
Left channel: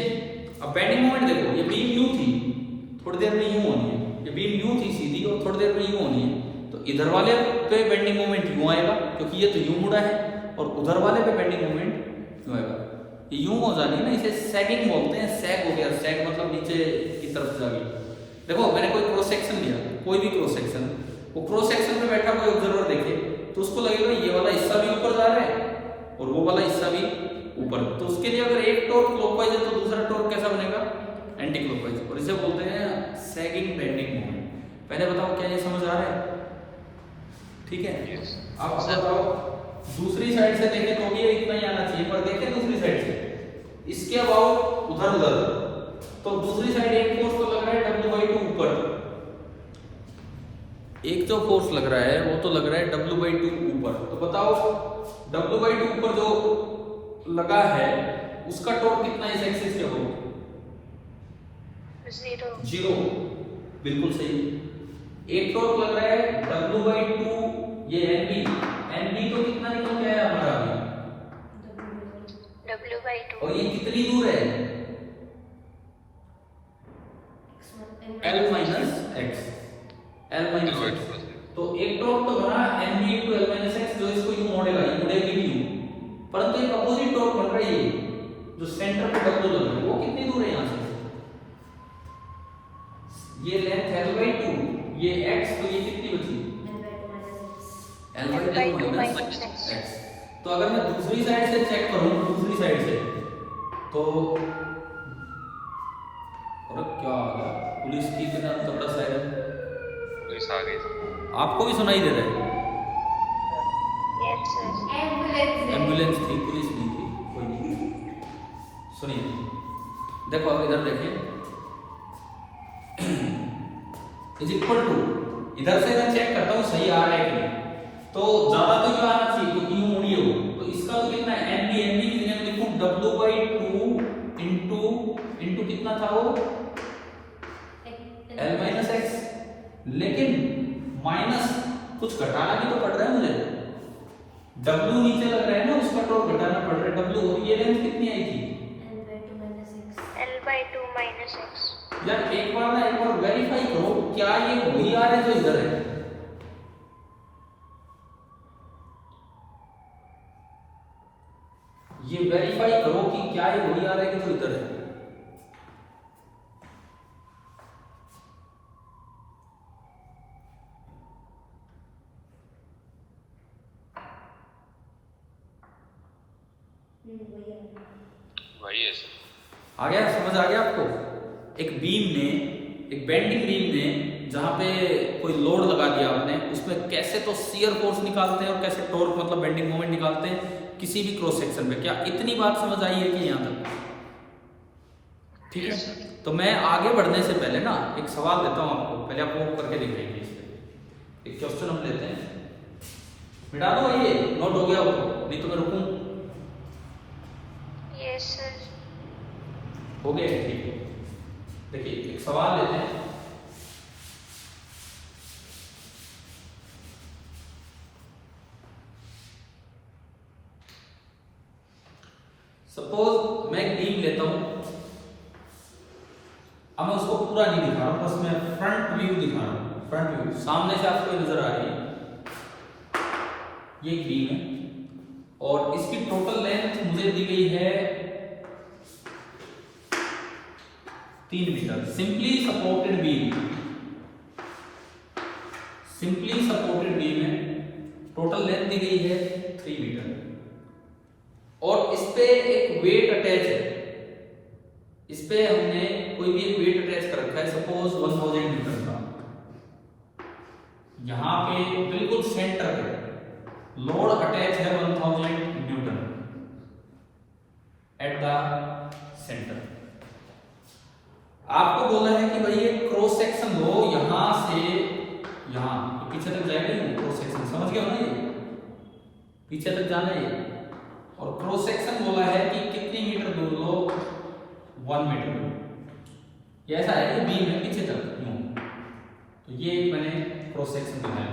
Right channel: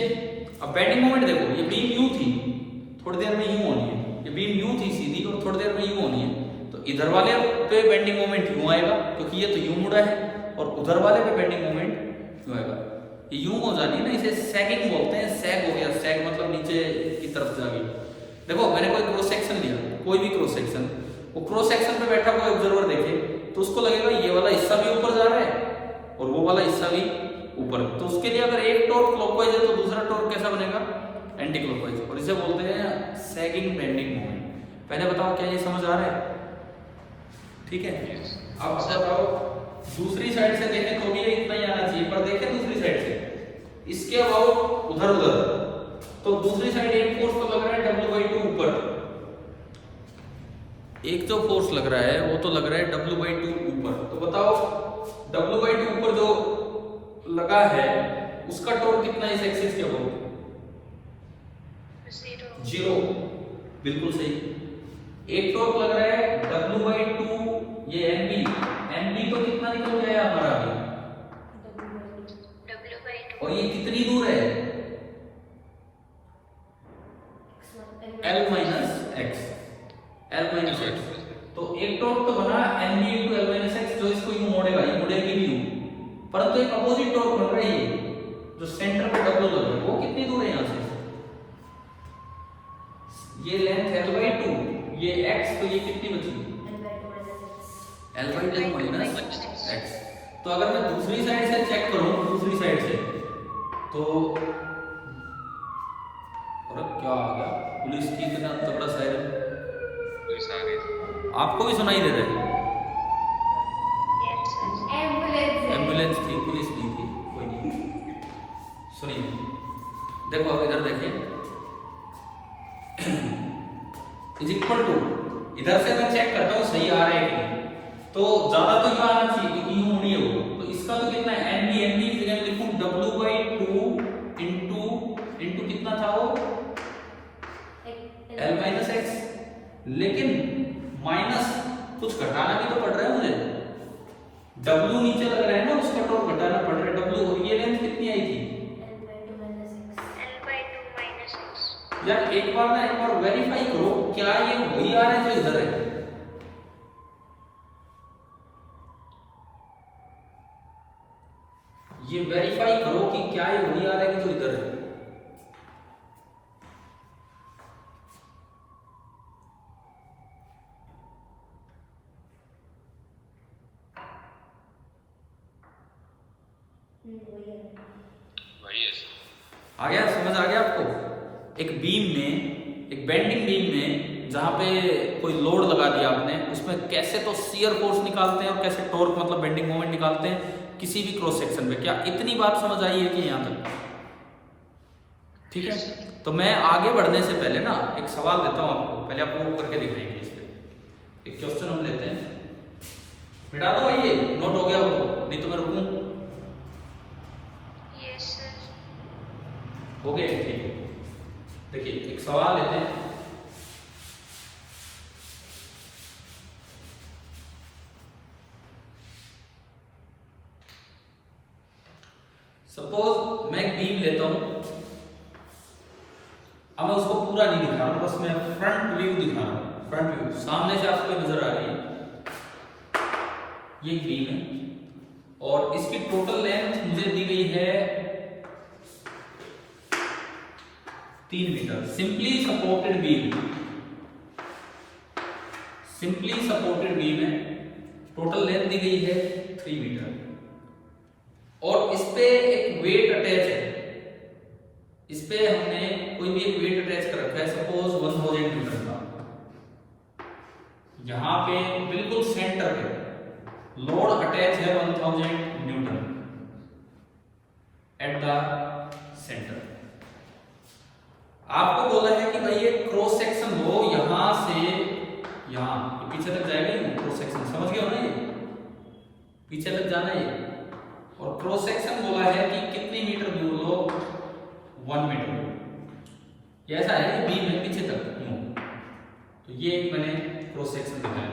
अब बेंडिंग मोमेंट देखो, ये बीम यूं थी, थोड़ी देर में यूं होनी है, ये बीम यूं थी सीधी और थोड़ी देर में यूं होनी है, तो इधर वाले पे बेंडिंग मोमेंट यूं आएगा क्योंकि ये तो यूं मुड़ा है, और उधर वाले पे बेंडिंग मोमेंट यूं आएगा। ये यूं हो जानी ना, इसे सैगिंग बोलते हैं। सैग हो गया, सैग मतलब नीचे की तरफ जा गई। देखो मैंने कोई क्रॉस सेक्शन लिया, कोई भी क्रॉस सेक्शन, वो क्रॉस सेक्शन पे बैठा कोई ऑब्जर्वर देखे तो उसको लगेगा ये वाला हिस्सा भी ऊपर जा रहा है और वो वाला हिस्सा भी ऊपर। तो उसके लिए अगर एक टॉर्क क्लॉकवाइज है तो दूसरा टॉर्क कैसा बनेगा, एंटी क्लॉकवाइज, और इसे बोलते हैं सैगिंग बेंडिंग मोमेंट। पहले बताओ क्या ये समझ आ रहा है? ठीक है, अब बताओ दूसरी साइड से देखें तो भी ये इतना ही आना चाहिए, पर देखें दूसरी साइड से इसके अबाउट उधर उधर, तो दूसरी साइड एक फोर्स तो लग रहा है W/2 ऊपर, एक जो फोर्स लग रहा है वो तो लग रहा है W/2 ऊपर। तो बताओ W/2 ऊपर जो लगा है उसका टॉर्क कितना है इस एक्सिस के अबाउट? 0, बिल्कुल सही। एक टॉर्क लग रहा है W/2, ये NB तो कितना निकल गया हमारा अभी W/2, और ये कितनी दूर है L-x, तो एक टॉर्क तो बना NB into L-x जो इसको यूं मोड़ेगा, ये मुड़ेगी भी यूं, परंतु एक अपोजिट टॉर्क बन रहा है ये जो सेंटर पे W लग रहा है, वो कितनी दूर है यहाँ से? ये लेंथ L/2, ये x, तो ये कितनी बची L/2 माइनस x। तो अगर मैं दूसरी साइड से चेक करूं, दूसरी साइड से, तो और क्या आ गया, पुलिस की इतना तगड़ा सायरन, पुलिस आ गई। आपको भी सुनाई दे रहा है? एम्बुलेंस थी, पुलिस नहीं थी, कोई नहीं। सुनिए, देखो अब इधर देखें, इज इक्वल टू, इधर से मैं चेक करता हूँ सही आ रहा है कि नहीं, तो ज्यादा तो ये आना चाहिए क्योंकि यूं मुड़ी है वो, तो इसका तो कितना है NB की जगह लिखूं W/2 इंटू कितना था वो L-x, लेकिन माइनस कुछ घटाना भी तो पड़ रहा है मुझे, W नीचे लग रहा है ना, उसका टॉर्क घटाना पड़ रहा है W, और ये लेंथ कितनी आई थी L/2 माइनस x। यार एक बार वेरीफाई करो क्या ये वही आ रहा है जो इधर है। ये वेरीफाई करो कि क्या ये वही आ रहा है कि जो इधर है। वही है आ गया, समझ आ गया आपको? एक बीम में, एक बेंडिंग बीम में जहां पे कोई लोड लगा दिया आपने, उसमें कैसे तो शियर फोर्स निकालते हैं और कैसे टॉर्क मतलब बेंडिंग मोमेंट निकालते हैं किसी भी क्रॉस सेक्शन पे। क्या इतनी बात समझ आई है कि यहाँ तक? ठीक है, तो मैं आगे बढ़ने से पहले ना एक सवाल देता हूँ आपको, पहले आप वो करके दिखाइए। एक क्वेश्चन हम लेते हैं, मिटा दो भाई, ये नोट हो गया वो, नहीं तो मैं रुकूं। Yes sir. हो गया, ठीक है। देखिए एक सवाल लेते हैं, सपोज मैं बीम लेता हूं, अब मैं उसको पूरा नहीं दिखा रहा हूं, बस मैं फ्रंट व्यू दिखा रहा हूं। फ्रंट व्यू सामने से आपको नजर आ रही है, ये एक बीम है और इसकी टोटल लेंथ मुझे दी गई है 3 मीटर। सिंपली सपोर्टेड बीम है, टोटल लेंथ दी गई है 3 मीटर, और इस पे एक वेट अटैच है। इस पे हमने कोई भी एक वेट अटैच कर रखा है, सपोज 1000 न्यूटन का। यहां पे बिल्कुल सेंटर पे लोड अटैच है 1000 न्यूटन। The centre. आपको बोला है कि भाई ये क्रॉस सेक्शन लो यहां से यहां, पीछे तक जाएगा नहीं क्रॉस सेक्शन, समझ गए हो ना, ये पीछे तक जाना है। और क्रॉस सेक्शन बोला है कि कितनी मीटर दूर लो, 1 मीटर। ये ऐसा है कि बीम है पीछे तक यूं, तो ये मैंने क्रॉस सेक्शन बनाया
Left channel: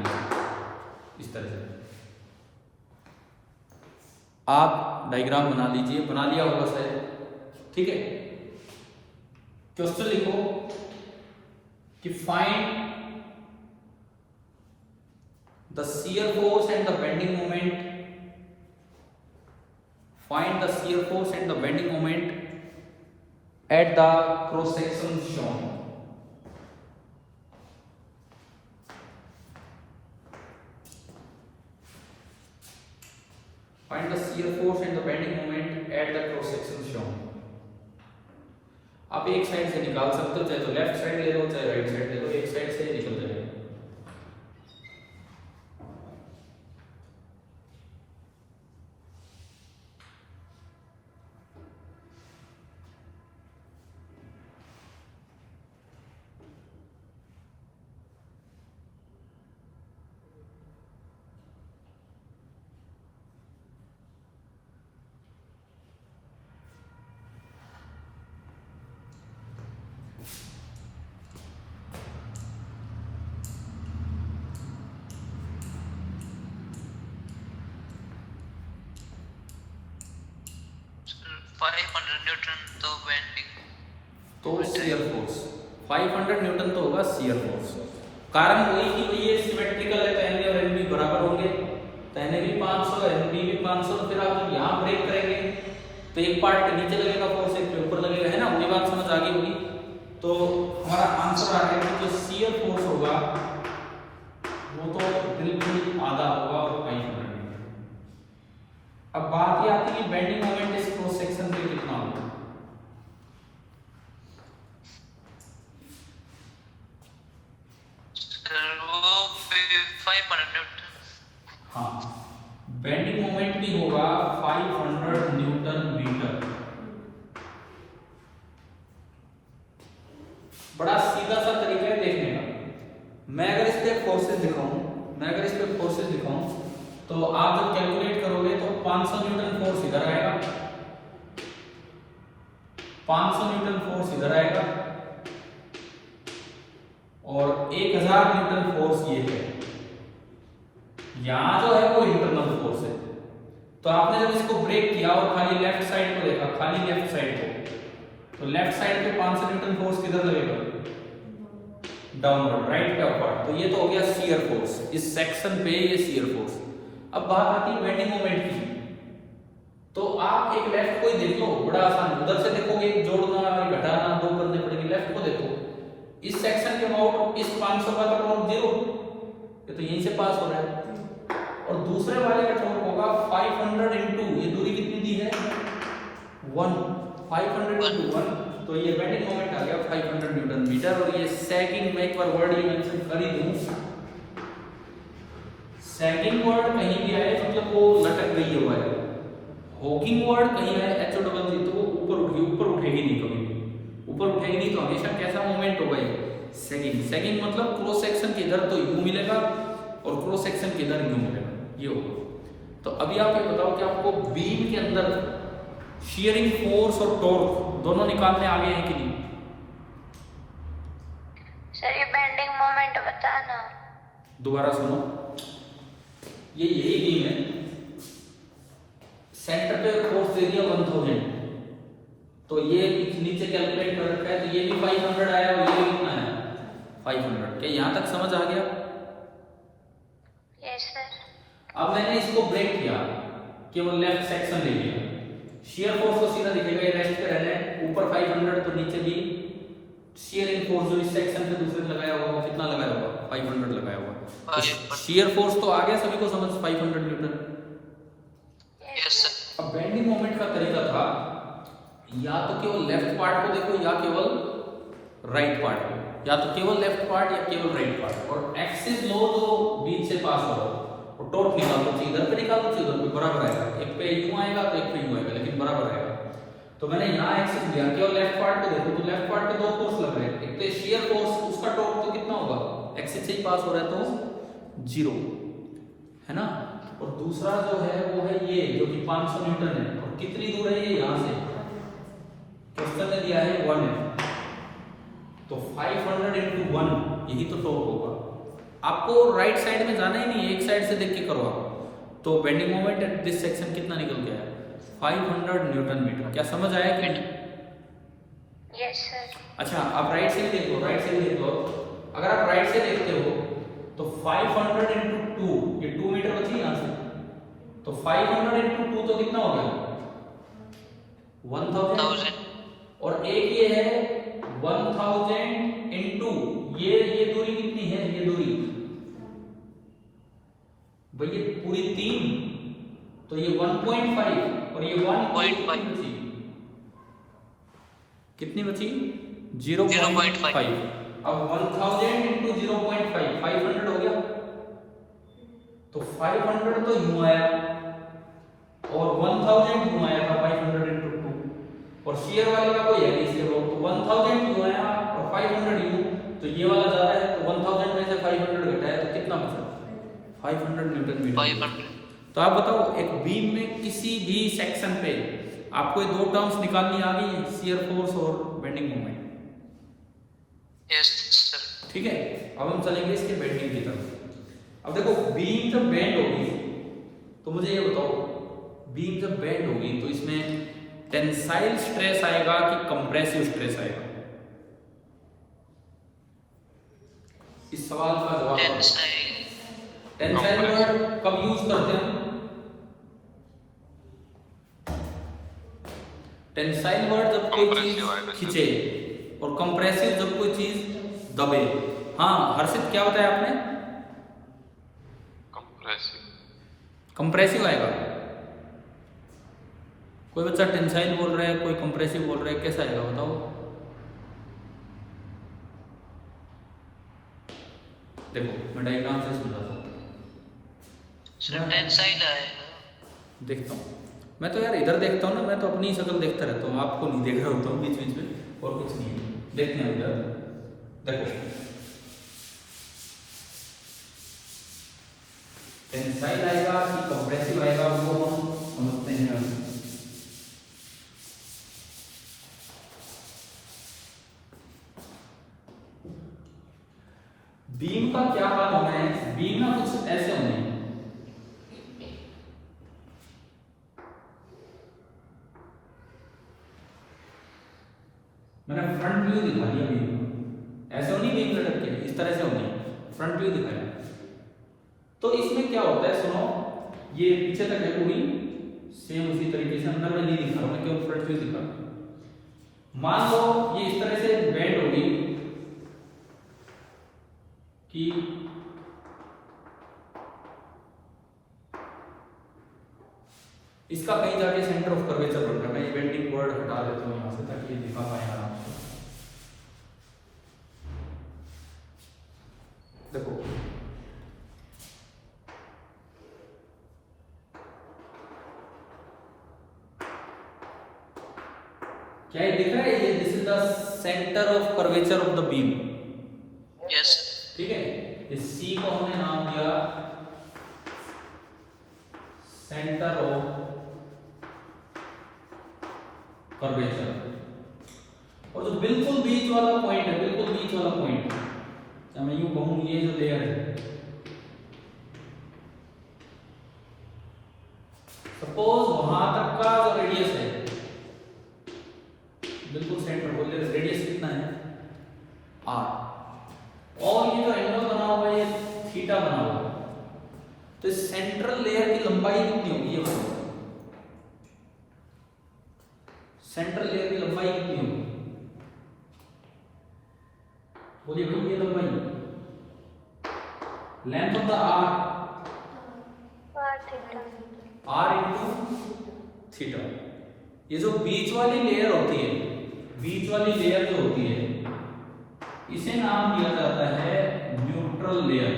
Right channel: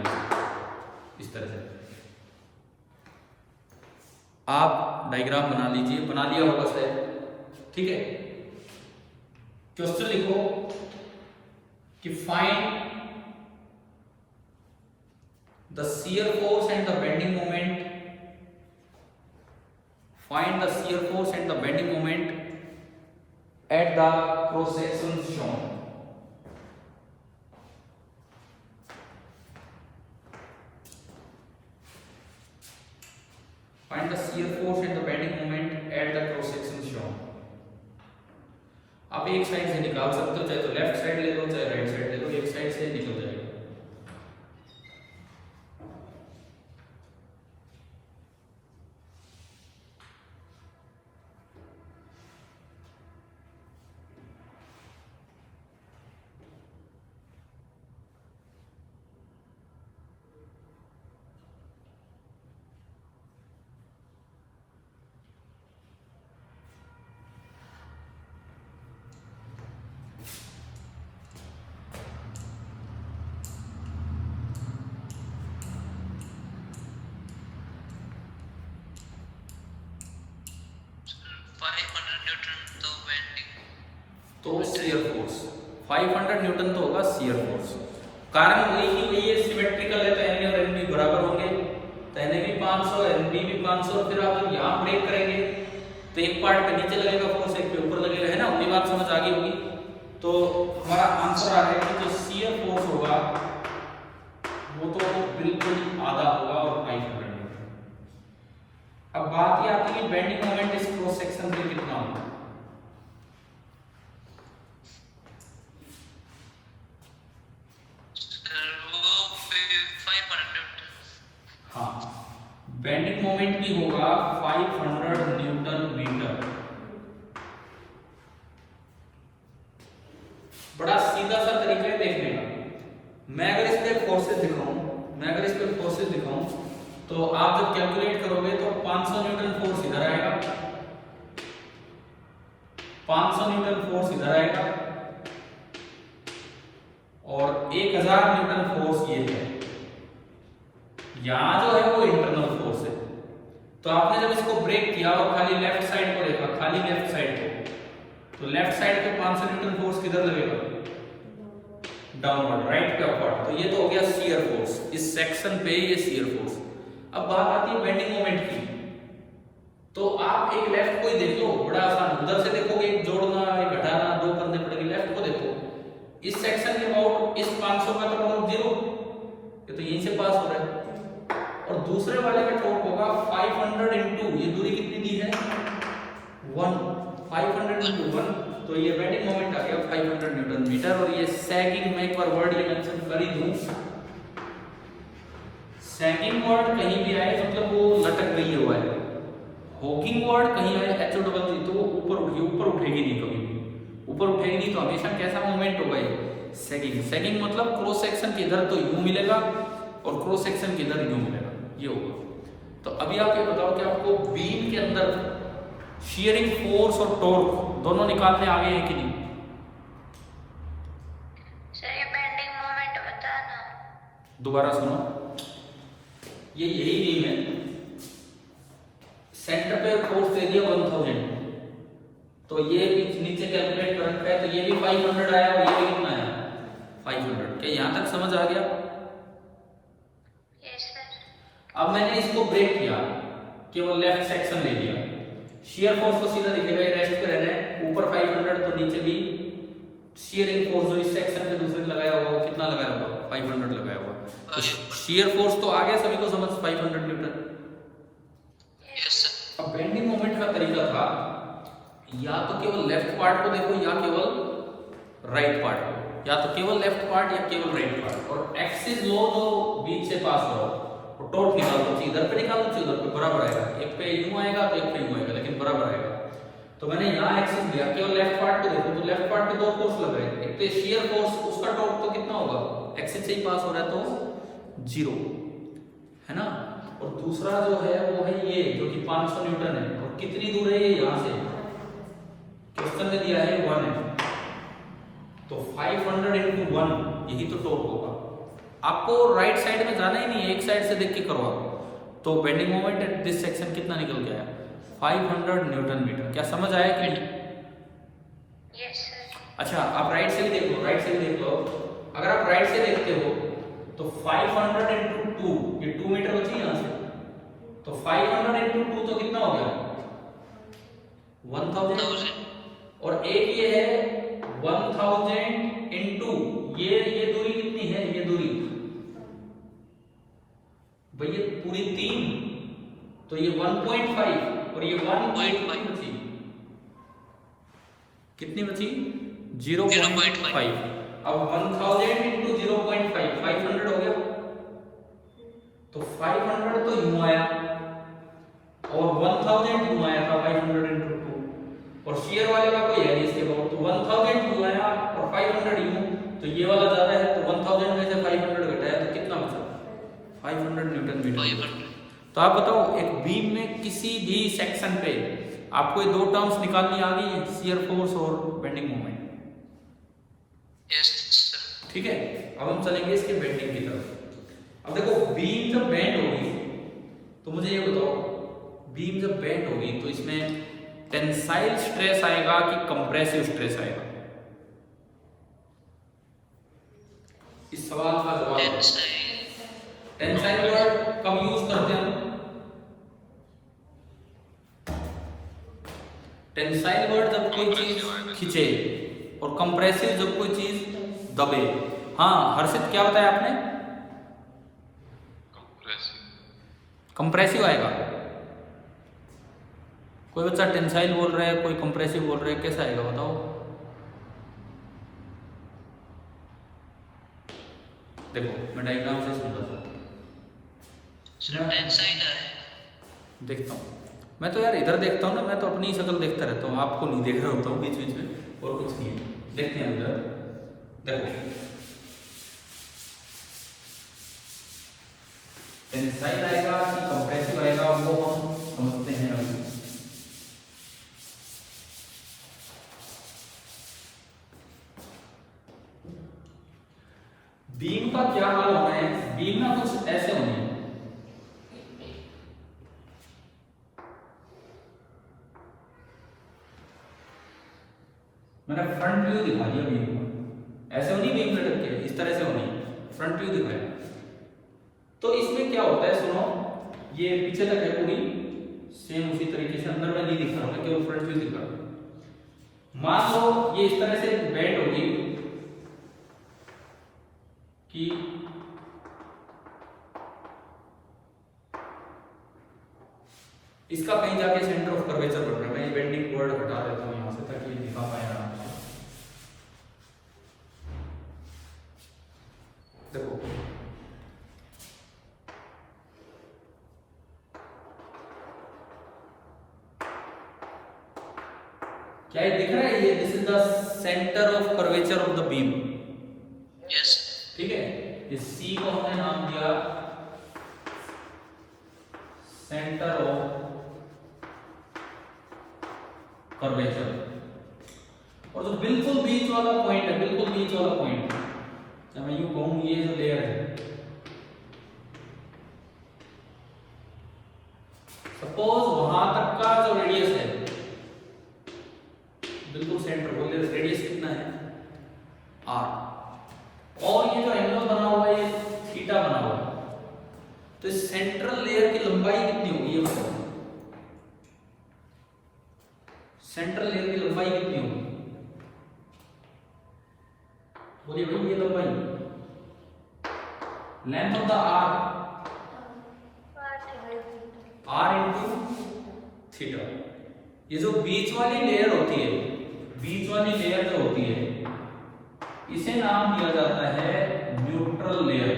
इस तरह से। आप डायग्राम बना लीजिए, बना लिया होगा शायद, ठीक है। क्वेश्चन लिखो कि find the shear force and the bending moment, find the shear force and the bending moment at the cross section shown. Find the shear force and the bending moment at the cross section shown. आप एक साइड से निकाल सकते हो, चाहे तो लेफ्ट साइड ले लो चाहे राइट साइड ले लो, एक साइड से निकल जाएगा। तो शियर फोर्स 500 न्यूटन तो होगा शियर फोर्स। कारण वही कि भाई ये सिमेट्रिकल है, तो एन और एन भी बराबर होंगे, तो एन भी 500 एन भी 500। फिर आप यहाँ ब्रेक करेंगे तो एक पार्ट पे नीचे लगेगा फोर्स, एक पे ऊपर लगेगा, है ना, वही बात समझ आ गई होगी। तो हमारा आंसर आ रहा है कि जो शियर फोर्स होगा वो तो बिल्कुल आधा होगा और 500 न्यूटन। अब बात ये आती है कि बेंडिंग मोमेंट इस क्रॉस सेक्शन पे कितना होगा। हाँ, बेंडिंग मोमेंट की होगा 500 न्यूटन मीटर। बड़ा सीधा सा तरीका है देखने का। मैं अगर इस पे फोर्सेस दिखाऊं, तो आप जब कैलकुलेट करोगे तो 500 न्यूटन फोर्स इधर आएगा, 500 न्यूटन फोर्स इधर आएगा और 1000 न्यूटन फोर्स ये है। यहां जो है वो इंटरनल फोर्स है। तो आपने जब इसको ब्रेक किया और खाली लेफ्ट साइड को देखा, खाली लेफ्ट साइड को, तो लेफ्ट साइड पे 500 न्यूटन फोर्स किधर लगेगा, डाउनवर्ड, राइट पे अपवर्ड। तो ये तो हो गया शियर फोर्स, इस सेक्शन पे ये शियर फोर्स। अब बात आती है बेंडिंग मोमेंट की। तो आप एक लेफ्ट को ही देख लो, बड़ा आसान, उधर से देखोगे जोड़ना घटाना 2 करने पड़ेंगे, लेफ्ट को देखो, इस सेक्शन के अबाउट इस 500 का तो अबाउट 0, ये तो यहीं से पास हो रहा है। और दूसरे वाले का टॉर्क होगा 500 इनटू, ये दूरी कितनी दी है 1, 500 इनटू 1, तो ये बेंडिंग मोमेंट आ गया 500 न्यूटन मीटर। और ये सैगिंग, मैं एक बार वर्ड ये मेंशन कर ही दूं, सैगिंग वर्ड कहीं भी आए मतलब वो लटक रही हुआ है, हॉकिंग वर्ड कहीं आए HO डबल जी तो वो ऊपर उठेगी नहीं, कभी ऊपर उठेगी नहीं, तो हमेशा कैसा मोमेंट होगा ये सैगिंग। सैगिंग मतलब क्रॉस सेक्शन के इधर तो यूं मिलेगा और क्रॉस सेक्शन के इधर यूं मिलेगा, ये होगा। तो अभी आप ये बताओ कि आपको बीम के अंदर शियरिंग फोर्स और टॉर्क दोनों निकालने आ गए हैं कि नहीं? सर ये बेंडिंग मोमेंट बताना। दोबारा सुनो, ये यही बीम है, सेंटर पे फोर्स दे दिया 1000, तो ये नीचे कैलकुलेट कर रखा है, तो ये भी 500 आया और ये भी कितना आया 500। क्या यहां तक समझ आ गया? Yes sir. अब मैंने इसको ब्रेक किया, केवल लेफ्ट सेक्शन ले लिया, शियर फोर्स तो सीधा दिखेगा, ये रेस्ट पे रहना है, ऊपर 500 तो नीचे भी शियरिंग फोर्स जो इस सेक्शन पे दूसरे लगाया होगा वो कितना लगाया होगा 500 लगाया होगा। तो शियर फोर्स तो आ गया सभी को समझ 500 न्यूटन। Yes sir. अब बेंडिंग मोमेंट का तरीका था या तो केवल लेफ्ट पार्ट को देखो या केवल राइट पार्ट को, या तो केवल लेफ्ट पार्ट या केवल राइट पार्ट, और एक्सिस लो तो बीच से पास करो और टॉर्क निकाल दो, इधर पे निकाल दो, उधर पे बराबर आएगा, एक पे यूं आएगा तो एक पे यूं आएगा, लेकिन बराबर आएगा। तो मैंने यहाँ एक्सिस लिया, केवल लेफ्ट पार्ट पे देखो तो लेफ्ट पार्ट पे दो फोर्स लग रहे हैं, एक तो शियर फोर्स, उसका टॉर्क तो कितना होगा, एक्सिस से ही पास हो रहा है तो 0 है ना, और दूसरा जो है वो है ये जो कि 500 न्यूटन है, और कितनी दूर है ये यहाँ से, क्वेश्चन ने दिया है 1 है, तो 500 into 1 यही तो टॉर्क होगा। आपको राइट साइड में जाना ही नहीं है, एक साइड से देख के करो आप, तो bending moment at this section कितना निकल गया है, 500 न्यूटन मीटर। क्या समझ आया कि नहीं? Yes sir. अच्छा आप राइट से भी देख लो, राइट से भी देख लो, अगर आप राइट से देखते हो तो 500 into 2, ये 2 मीटर बची यहाँ से, तो 500 into 2 तो कितना हो गया 1000, और एक ये है 1000 into ये दूरी कितनी है, ये दूरी भाई ये पूरी 3, तो ये 1.5 और ये 1.5 बची, कितनी बची 0.5। अब 1000 into 0.5 500 हो गया, तो 500 तो यूं आया और 1000 यूं आया था 500 into 2, और शेयर वाले का कोई है नहीं इसके बाद, तो 1000 यूं आया और 500 यूं, तो ये वाला ज्यादा है, तो 1000 में से 500 घटाया तो कितना बचा 500 न्यूटन मीटर। तो आप बताओ एक बीम में किसी भी सेक्शन पे आपको ये दो टर्म्स निकालनी आ गई है, शियर फोर्स और बेंडिंग मोमेंट। Yes sir. ठीक है, अब हम चलेंगे इसके बेंडिंग की तरफ। अब देखो बीम जब बेंड होगी तो मुझे ये बताओ, बीम जब बेंड होगी तो इसमें टेंसाइल स्ट्रेस आएगा कि कंप्रेसिव स्ट्रेस आएगा? इस सवाल का जवाब टेंसाइल वर्ड कब यूज करते हैं? टेंसाइल वर्ड जब कोई चीज खींचे, और कंप्रेसिव जब कोई चीज दबे। हाँ हर्षित क्या बताया आपने? कंप्रेसिव आएगा। कोई बच्चा टेंसाइल बोल रहा है, कोई कंप्रेसिव बोल रहा है, कैसा आएगा बताओ? देखो मैं डायग्राम से समझाता हूँ। टेंसाइल आएगा। देखता हूँ मैं तो यार, इधर देखता हूँ ना, मैं तो अपनी शक्ल देखता रहता हूँ, आपको नहीं देख रहा होता हूँ बीच बीच में, और कुछ नहीं है। देखते हैं उधर, देखो टेंसाइल आएगा कि कंप्रेसिव आएगा, वो हम समझते हैं अभी। बीम का क्या हाल होना है? बीम ना कुछ ऐसे होने हैं, मैंने फ्रंट व्यू दिखा दिया बीम का, ऐसे होनी बीम लटक के, इस तरह से होनी, फ्रंट व्यू दिखाया। तो इसमें क्या होता है सुनो, ये पीछे तक है पूरी सेम उसी तरीके से, अंदर में नहीं दिखा रहा मैं, केवल फ्रंट व्यू दिखा रहा। मान लो ये इस तरह से बेंड होगी कि इसका कहीं जाके सेंटर ऑफ कर्वेचर बन रहा है। मैं ये बेंडिंग वर्ड हटा देता हूं यहां से ताकि ये दिखा पाए आराम से। देखो क्या ये दिख रहा है? ये this is the centre of curvature of the beam. Yes ठीक है, इस सी को हमने नाम दिया सेंटर ऑफ कर्वेचर, और जो बिल्कुल बीच वाला पॉइंट है, बिल्कुल बीच वाला पॉइंट, या मैं यूं कहूं ये जो लेयर है, सपोज वहां तक का जो रेडियस है, बिल्कुल सेंटर को रेडियस कितना है r, और ये जो एंगल बना हुआ है ये थीटा बना हुआ है, तो सेंट्रल लेयर की लंबाई कितनी होगी ये बताओ? सेंट्रल लेयर की लंबाई कितनी होगी? बोलिए भाई, ये लंबाई length of the r into theta. ये जो बीच वाली लेयर होती है, बीच वाली लेयर जो होती है, इसे नाम दिया जाता है न्यूट्रल लेयर।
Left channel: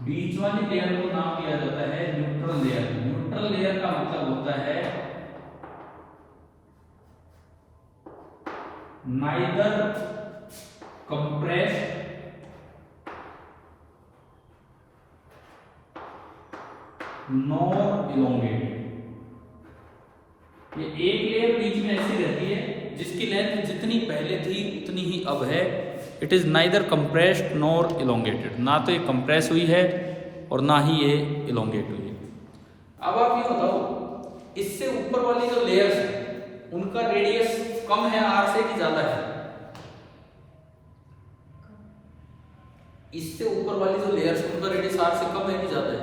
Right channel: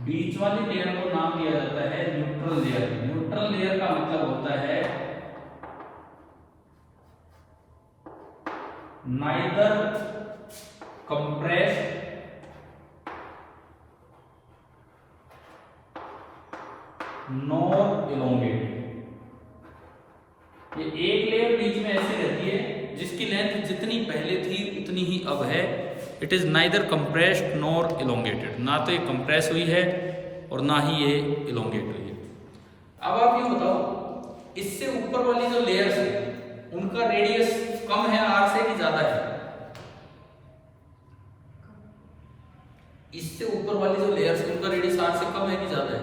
बीच वाली लेयर को नाम दिया जाता है न्यूट्रल लेयर। न्यूट्रल लेयर का मतलब होता है नाइदर कंप्रेस्ड नॉर इलोंगेटेड। ये एक लेयर बीच में ऐसी रहती है जिसकी लेंथ जितनी पहले थी उतनी ही अब है। It is neither compressed nor elongated, ना तो ये कंप्रेस हुई है और ना ही ये इलोंगेट हुई है। अब आप ये बताओ, इससे ऊपर वाली जो लेयर्स है उनका रेडियस कम है आर से कि ज्यादा है? इससे ऊपर वाली जो लेयर्स है उनका रेडियस आर से कम है कि ज्यादा है?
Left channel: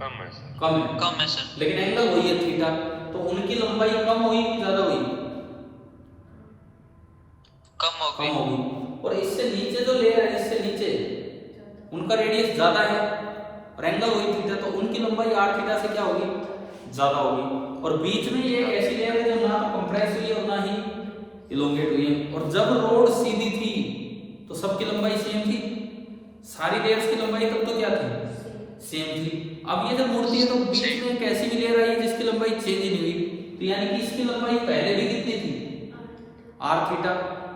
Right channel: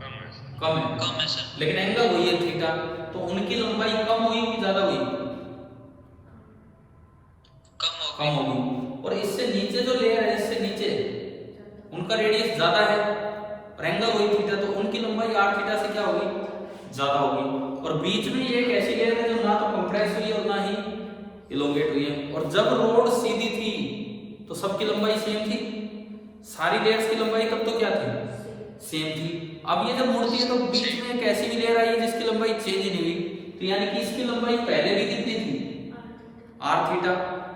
कम है। कम है सर। लेकिन एंगल वही है थीटा, तो उनकी लंबाई कम हुई कि ज्यादा हुई? कम होगी। और इससे नीचे जो लेयर है, इससे नीचे उनका रेडियस ज्यादा है और एंगल वही थीटा, तो उनकी लंबाई आर थीटा से क्या होगी? ज्यादा होगी। और बीच में ये एक ऐसी लेयर है जो ना तो कंप्रेस हुई है और ना ही इलोंगेट हुई है। और जब रोड सीधी थी तो सबकी लंबाई सेम थी, सारी लेयर्स की लंबाई तब तो क्या थी? सेम थी। अब ये जब मुड़ती है तो बीच में एक ऐसी भी लेयर आई है जिसकी लंबाई चेंज ही नहीं हुई, तो यानी कि इसकी लंबाई पहले भी कितनी थी? R theta.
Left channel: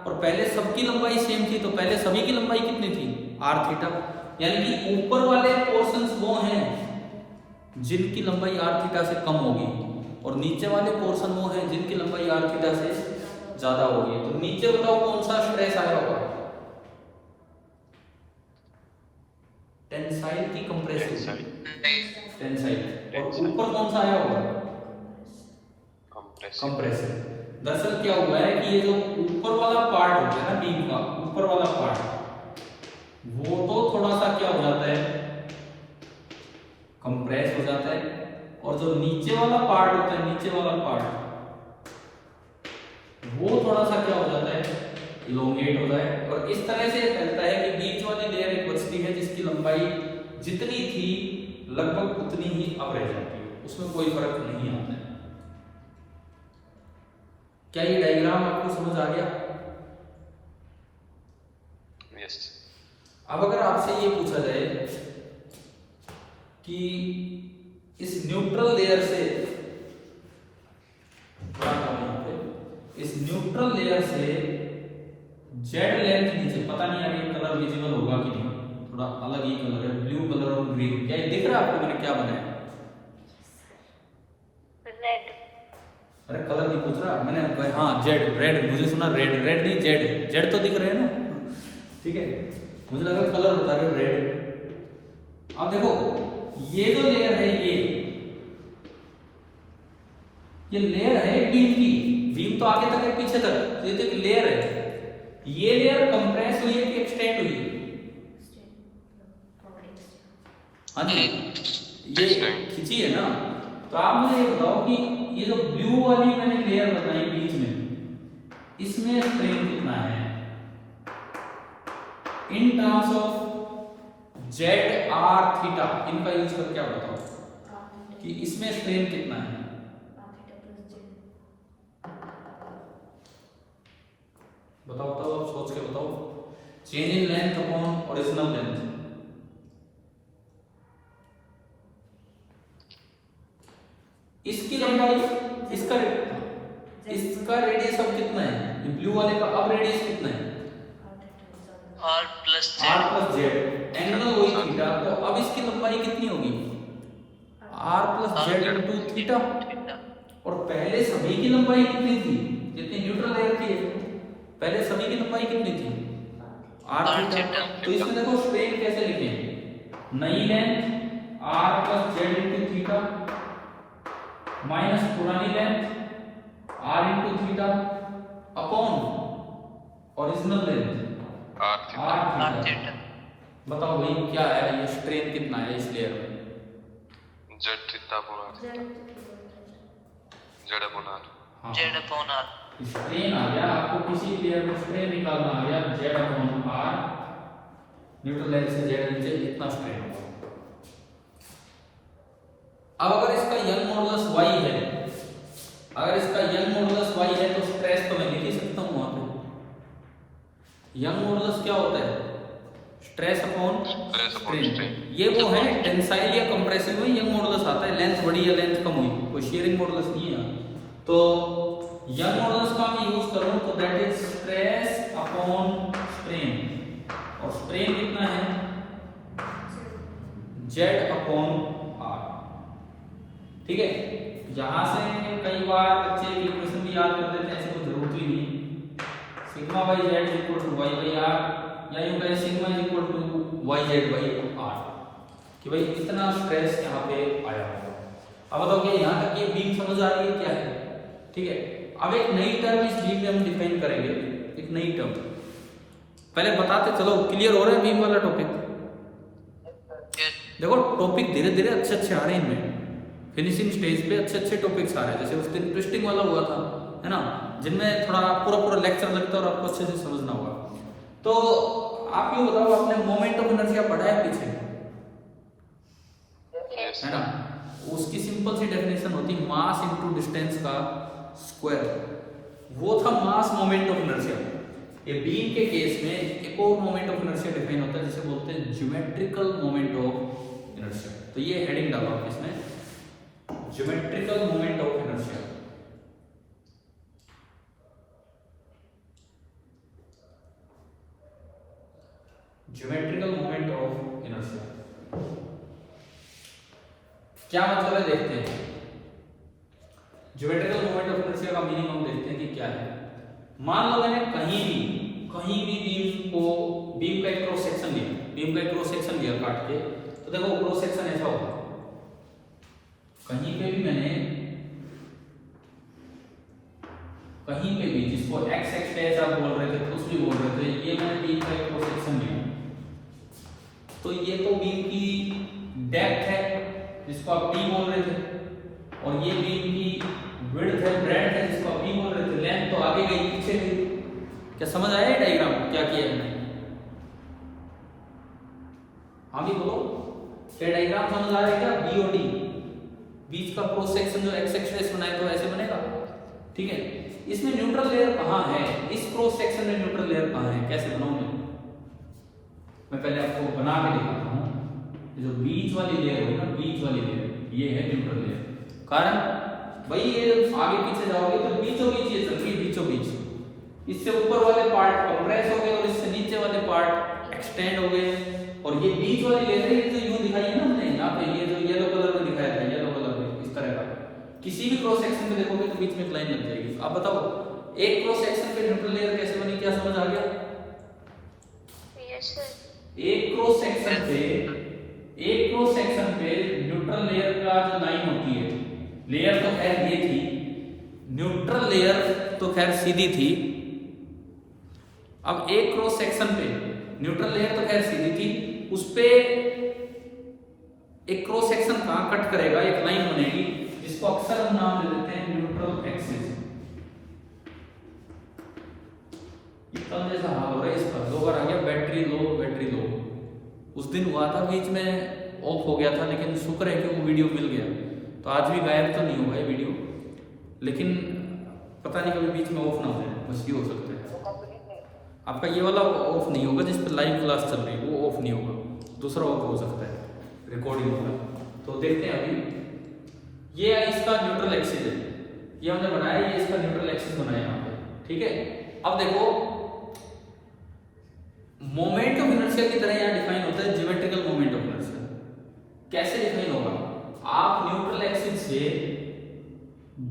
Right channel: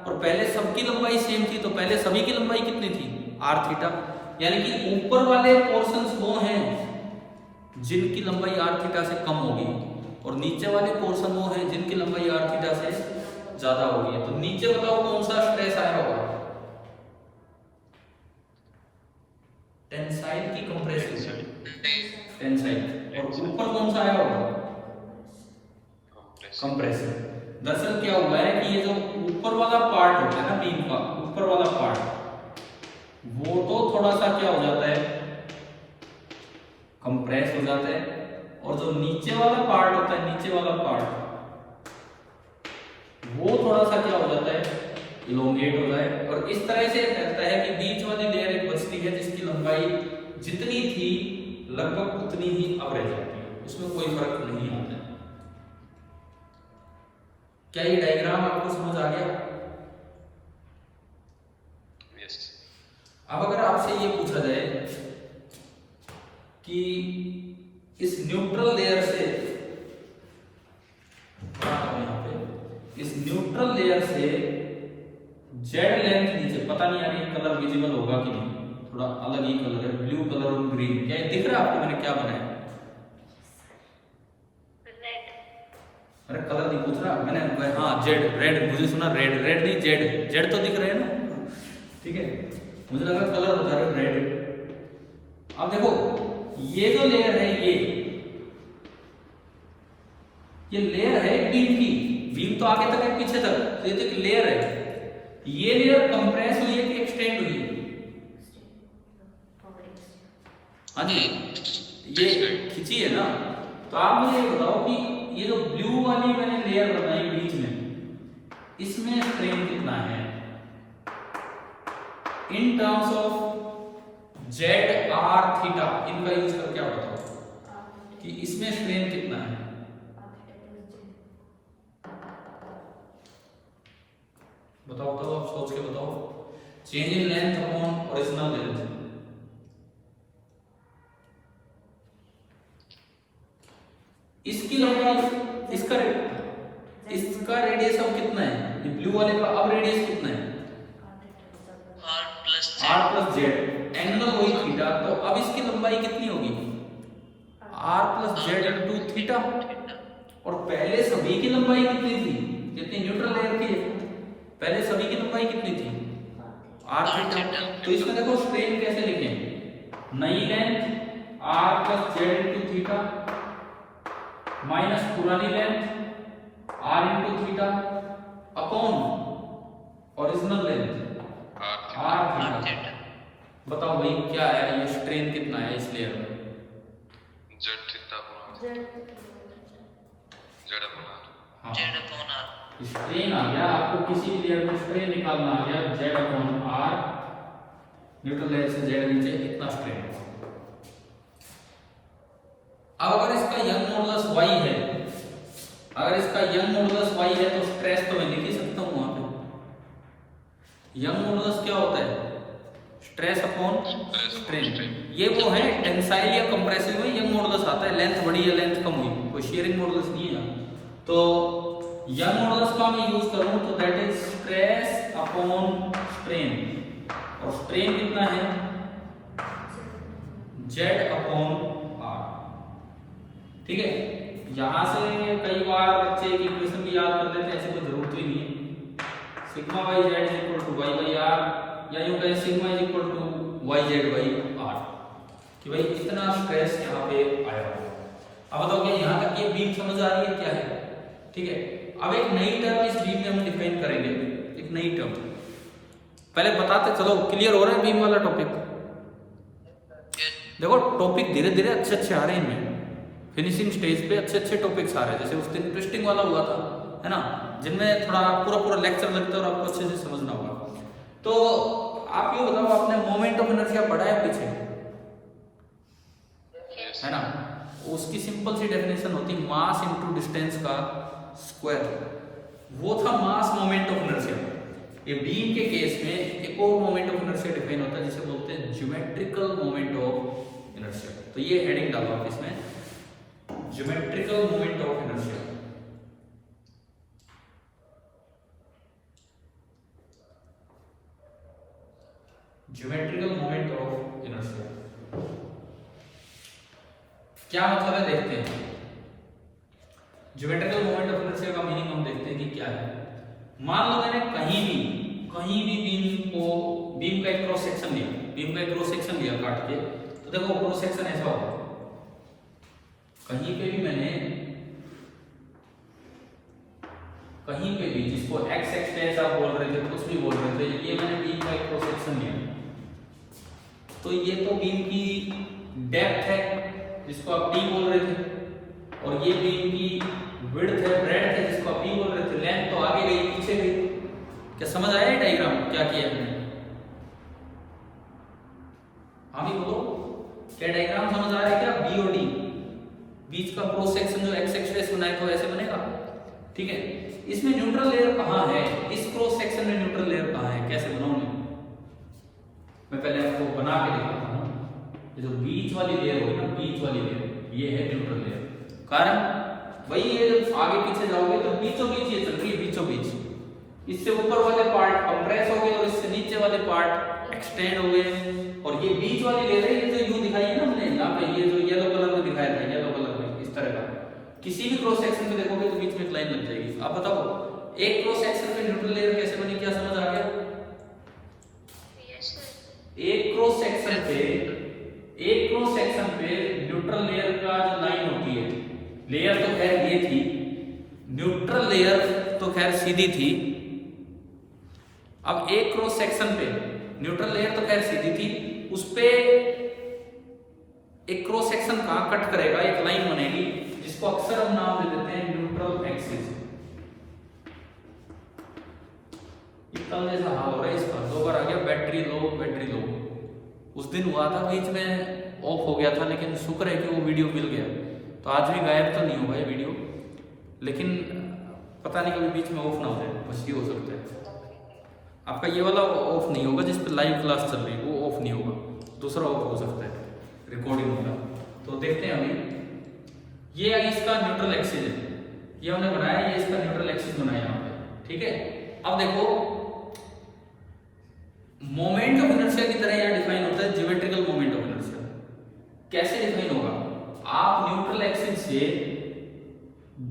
और पहले सबकी लंबाई सेम थी, तो पहले सभी की लंबाई कितनी थी? R theta. यानी कि ऊपर वाले पोर्शंस वो हैं जिनकी लंबाई आर थीटा से कम होगी और नीचे वाले पोर्शन वो हैं जिनकी लंबाई आर थीटा से ज्यादा होगी। तो नीचे बताओ कौन सा स्ट्रेस आया होगा? टेंसाइल की कंप्रेसिव? टेंसाइल। और ऊपर कौन सा आया होगा? कंप्रेसिव। दरअसल क्या हुआ है कि ये जो ऊपर वाला पार्ट होता है ना बीम का, ऊपर वाला पार्ट, वो तो थोड़ा सा क्या हो जाता है? कंप्रेस हो जाता है। और जो नीचे वाला पार्ट होता है, नीचे वाला पार्ट, वो थोड़ा सा क्या हो जाता है? इलोंगेट हो जाए। और इस तरह से फैलता है कि बीच वाली लेयर एक बचती है जिसकी लंबाई जितनी थी लगभग उतनी ही अब रह जाती है, उसमें कोई फर्क नहीं आता है। क्या ये डायग्राम आपको समझ आ गया? यस। अब अगर आपसे ये पूछा जाए कि इस न्यूट्रल लेयर से, इस न्यूट्रल लेयर से जेड लेंथ नीचे, पता नहीं यार ये कलर विजिबल होगा कि नहीं, थोड़ा अलग ही कलर है, ब्लू कलर और ग्रीन। क्या ये दिख रहा है आपको मैंने क्या बनाया? अरे कलर नहीं पूछ रहा मैंने, हाँ जेड, रेड, मुझे सुना रेड, रेड नहीं जेड, जेड तो दिख रहे हैं ना, ठीक है, मुझे लगा कलर बता रहे हो रेड। अब देखो ये जो लेयर है, ये लेयर है बीम की, बीम तो आगे तक है पीछे तक, तो ये तो एक लेयर है। ये लेयर कंप्रेस हुई है कि एक्सटेंड हुई है? हाँ जी, ये खिंची है ना। तो आप मुझे ये बताओ कि ये जो ब्लू वाली मैंने लेयर बनाई बीच में, इसमें स्ट्रेन कितना है in terms of Z R theta? इनका यूज करके क्या बताओ कि इसमें स्ट्रेन कितना है? बताओ बताओ, आप सोच के बताओ। Change in length upon original length. इसकी लंबाई, इसका रेडियस अब कितना है? ये ब्लू वाले का अब रेडियस कितना है? आर प्लस जेड, एंगल वही थीटा, तो अब इसकी लंबाई कितनी होगी? R plus Z into theta. और पहले सभी की लंबाई कितनी थी? जितनी न्यूट्रल लेयर थी पहले सभी की लंबाई कितनी थी? R theta. तो इसमें देखो स्ट्रेन कैसे लिखें? नई length R plus Z into theta minus पुरानी length R into theta upon original length R theta. बताओ भाई क्या है ये स्ट्रेन कितना है इस लेयर में? Z theta upon Z upon R. हाँ, जेड अपॉन आर। स्ट्रेन आ गया, आपको किसी भी लेयर में स्ट्रेन निकालना आ गया, Z upon R, neutral length से जेड नीचे इतना स्ट्रेन है। अब अगर इसका यंग मॉडुलस y है, अगर इसका यंग मॉडुलस y है तो स्ट्रेस तो मैं लिख ही सकता हूं वहां पे। यंग मॉडुलस क्या होता है? Stress upon strain. ये वो है टेंसाइल या कंप्रेसिव में यंग मॉडुलस आता है, लेंथ बढ़ी या लेंथ कम हुई, कोई शेयरिंग मॉडुलस नहीं है यहाँ। तो यंग मॉडुलस का मैं यूज करूं तो that is stress upon strain, और स्ट्रेन कितना है Z अपॉन R। ठीक है, यहां से कई बार बच्चे एक इक्वेशन भी याद कर लेते हैं, ऐसे कोई जरूरत ही नहीं है। Sigma by Z is equal to Y by R, या यूं कहें sigma is equal to Y Z by R, कि भाई इतना स्ट्रेस यहाँ पे आया। अब बताओ क्या यहाँ तक ये बीम समझ आ रही है क्या है? ठीक है, अब एक नई टर्म इस बीम में हम डिफाइन करेंगे, एक नई टर्म। पहले बताते चलो, क्लियर हो रहा है बीम वाला टॉपिक? देखो टॉपिक धीरे धीरे अच्छे अच्छे आ रहे हैं इनमें, फिनिशिंग स्टेज पे अच्छे अच्छे टॉपिक्स आ रहे हैं। जैसे उस दिन ट्विस्टिंग वाला हुआ था, है ना, जिनमें थोड़ा पूरा पूरा लेक्चर लगता है और आपको अच्छे से समझना होगा। तो आप ये बताओ, आपने मोमेंट ऑफ इनर्शिया पढ़ा है पीछे, है ना? उसकी सिंपल सी डेफिनेशन होती मास इनटू डिस्टेंस का स्क्वायर, वो था मास मोमेंट ऑफ इनर्शिया। ये बीम के केस में एक और मोमेंट ऑफ इनर्शिया डिफाइन होता है जिसे बोलते हैं ज्योमेट्रिकल मोमेंट ऑफ इनर्शिया। तो ये हेडिंग डालो आप इसमें, geometrical moment of inertia. Geometrical moment of inertia क्या मतलब है देखते हैं। ज्योमेट्रिकल मोमेंट ऑफ इनर्शिया का मीनिंग हम देखते हैं कि क्या है। मान लो मैंने कहीं भी बीम का एक क्रॉस सेक्शन लिया, काट के, तो देखो क्रॉस सेक्शन ऐसा होगा। कहीं पे भी जिसको एक्स एक्स आप बोल रहे थे, कुछ भी बोल रहे थे, ये मैंने बीम का एक क्रॉस सेक्शन लिया, तो ये तो बीम की डेप्थ है जिसको आप टी बोल रहे थे, और ये बीम की विड्थ है, ब्रेड्थ है जिसको आप बी बोल रहे थे। लेंथ तो आगे गई पीछे गई। क्या समझ आया डायग्राम क्या किया हमने? हाँ भी बोलो, क्या डायग्राम समझ आ रहा है क्या? बी और डी बीच का क्रॉस सेक्शन जो एक्स एक्सिस बनाए तो ऐसे बनेगा। ठीक है, इसमें न्यूट्रल लेयर कहाँ है? इस क्रॉस सेक्शन में न्यूट्रल लेयर कहाँ है? कैसे बनाऊंगा मैं पहले आपको बना के दिखाता हूँ। ये जो बीच वाली लेयर होगी ना, बीच वाली लेयर, ये है न्यूट्रल लेयर। कारण भाई ये जब आगे पीछे जाओगे तो बीचों बीच ये चल रही है, बीचों बीच। इससे ऊपर वाले पार्ट कंप्रेस हो गए और इससे नीचे वाले पार्ट एक्सटेंड हो गए, और ये बीच वाली लेयर है, ये जो यू दिखाई है ना हमने यहाँ पे, ये जो येलो कलर में दिखाया था, येलो कलर में इस तरह का, किसी भी क्रॉस सेक्शन में देखोगे तो बीच में एक लाइन लग जाएगी। आप बताओ एक क्रॉस सेक्शन पे न्यूट्रल लेयर कैसे बनी? क्या समझ आ गया? Yes sir. एक क्रॉस सेक्शन पे न्यूट्रल लेयर का जो लाइन होती है, लेयर तो खैर ये थी, न्यूट्रल लेयर तो खैर सीधी थी। अब एक क्रॉस सेक्शन पे न्यूट्रल लेयर तो खैर सीधी थी, उस पे एक क्रॉस सेक्शन कहां कट करेगा, एक लाइन बनेगी जिसको अक्सर हम नाम दे देते हैं न्यूट्रल एक्सिस। इतना जैसा हाल हो रहा है इसका, 2 बार आ गया बैटरी लो। उस दिन हुआ था बीच में ऑफ हो गया था, लेकिन शुक्र है कि वो वीडियो मिल गया, तो आज भी गायब तो नहीं हुआ है वीडियो, लेकिन पता नहीं कभी बीच में ऑफ ना हो जाए, बस ये हो सकता है। आपका ये वाला ऑफ नहीं होगा जिस पर लाइव क्लास चल रही है, वो ऑफ नहीं होगा, दूसरा ऑफ हो सकता है रिकॉर्डिंग वाला। तो देखते हैं अभी, ये इसका न्यूट्रल एक्सिस है, ये हमने बनाया, ये इसका न्यूट्रल एक्सिस बनाया यहाँ पे। ठीक है, अब देखो मोमेंट ऑफ इनर्शिया की तरह यहाँ डिफाइन होता है ज्योमेट्रिकल मोमेंट ऑफ इनर्शिया। कैसे डिफाइन होगा? आप न्यूट्रल एक्सिस से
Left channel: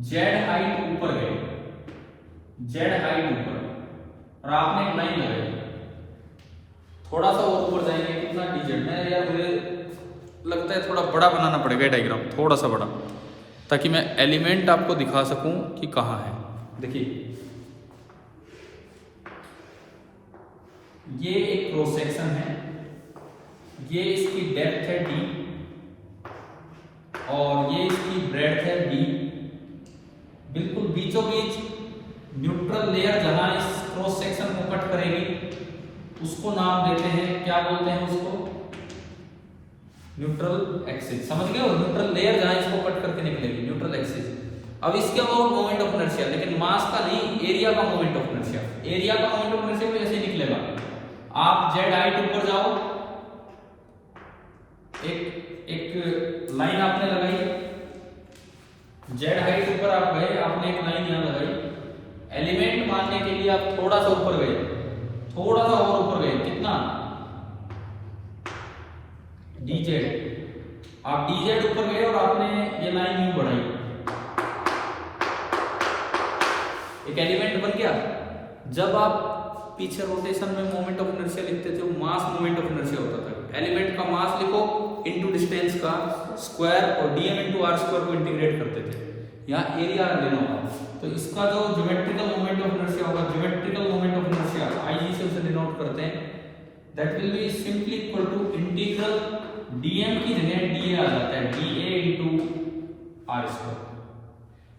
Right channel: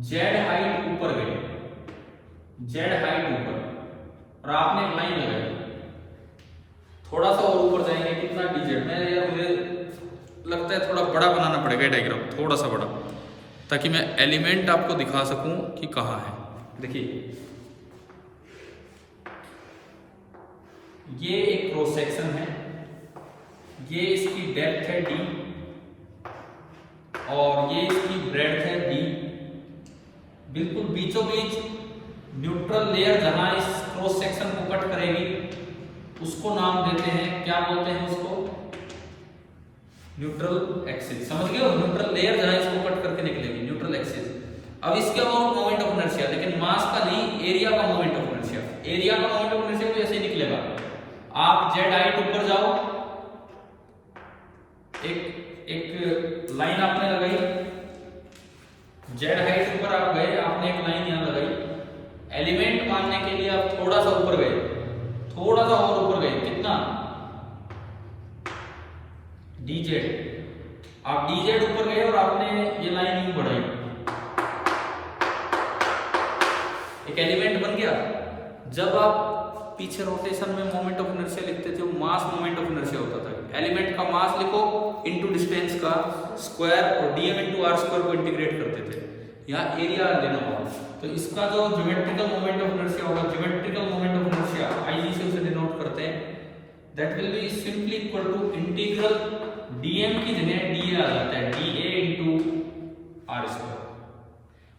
जेड हाइट ऊपर गए, और आपने एक लाइन लगाई, थोड़ा सा और ऊपर जाएंगे, कितना dz में, यार मुझे लगता है थोड़ा बड़ा बनाना पड़ेगा डायग्राम, थोड़ा सा बड़ा, ताकि मैं एलिमेंट आपको दिखा सकूं कि कहाँ है। देखिए ये एक क्रॉस सेक्शन है, ये इसकी डेप्थ है d, और ये इसकी ब्रेड्थ है d। बिल्कुल बीचों बीच न्यूट्रल लेयर जहां इस क्रॉस सेक्शन को कट करेगी उसको नाम देते हैं, क्या बोलते हैं उसको? Neutral axis. समझ गए हो? न्यूट्रल लेयर जहां इसको कट करके निकलेगी, न्यूट्रल एक्सिस। अब इसके अलावा मोमेंट ऑफ इनर्शिया, लेकिन मास का नहीं, एरिया का मोमेंट ऑफ इनर्शिया। एरिया का मोमेंट ऑफ इनर्शिया भी ऐसे ही निकलेगा। आप जेड हाइट ऊपर जाओ, एक लाइन आपने लगाई, जेड हाइट ऊपर आप गए, आपने एक लाइन यहां लगाई, एलिमेंट मानने के लिए आप थोड़ा सा ऊपर गए, थोड़ा सा और ऊपर गए, कितना dz, आप dz ऊपर गए और आपने ये लाइन यूं बढ़ाई, एक एलिमेंट बन गया। जब आप पीछे रोटेशन में मोमेंट ऑफ इनर्शिया लिखते थे, वो मास मोमेंट ऑफ इनर्शिया होता था। एलिमेंट का मास लिखो इनटू डिस्टेंस का स्क्वायर और dm इनटू r स्क्वायर को इंटीग्रेट करते थे। यहाँ एरिया लेना होगा, तो इसका जो ज्योमेट्रिकल मोमेंट ऑफ इनर्शिया होगा, geometrical moment of inertia IG से उसे डिनोट करते हैं, that will be simply equal to integral dm की जगह dA आ जाता है, dA इनटू r स्क्वायर।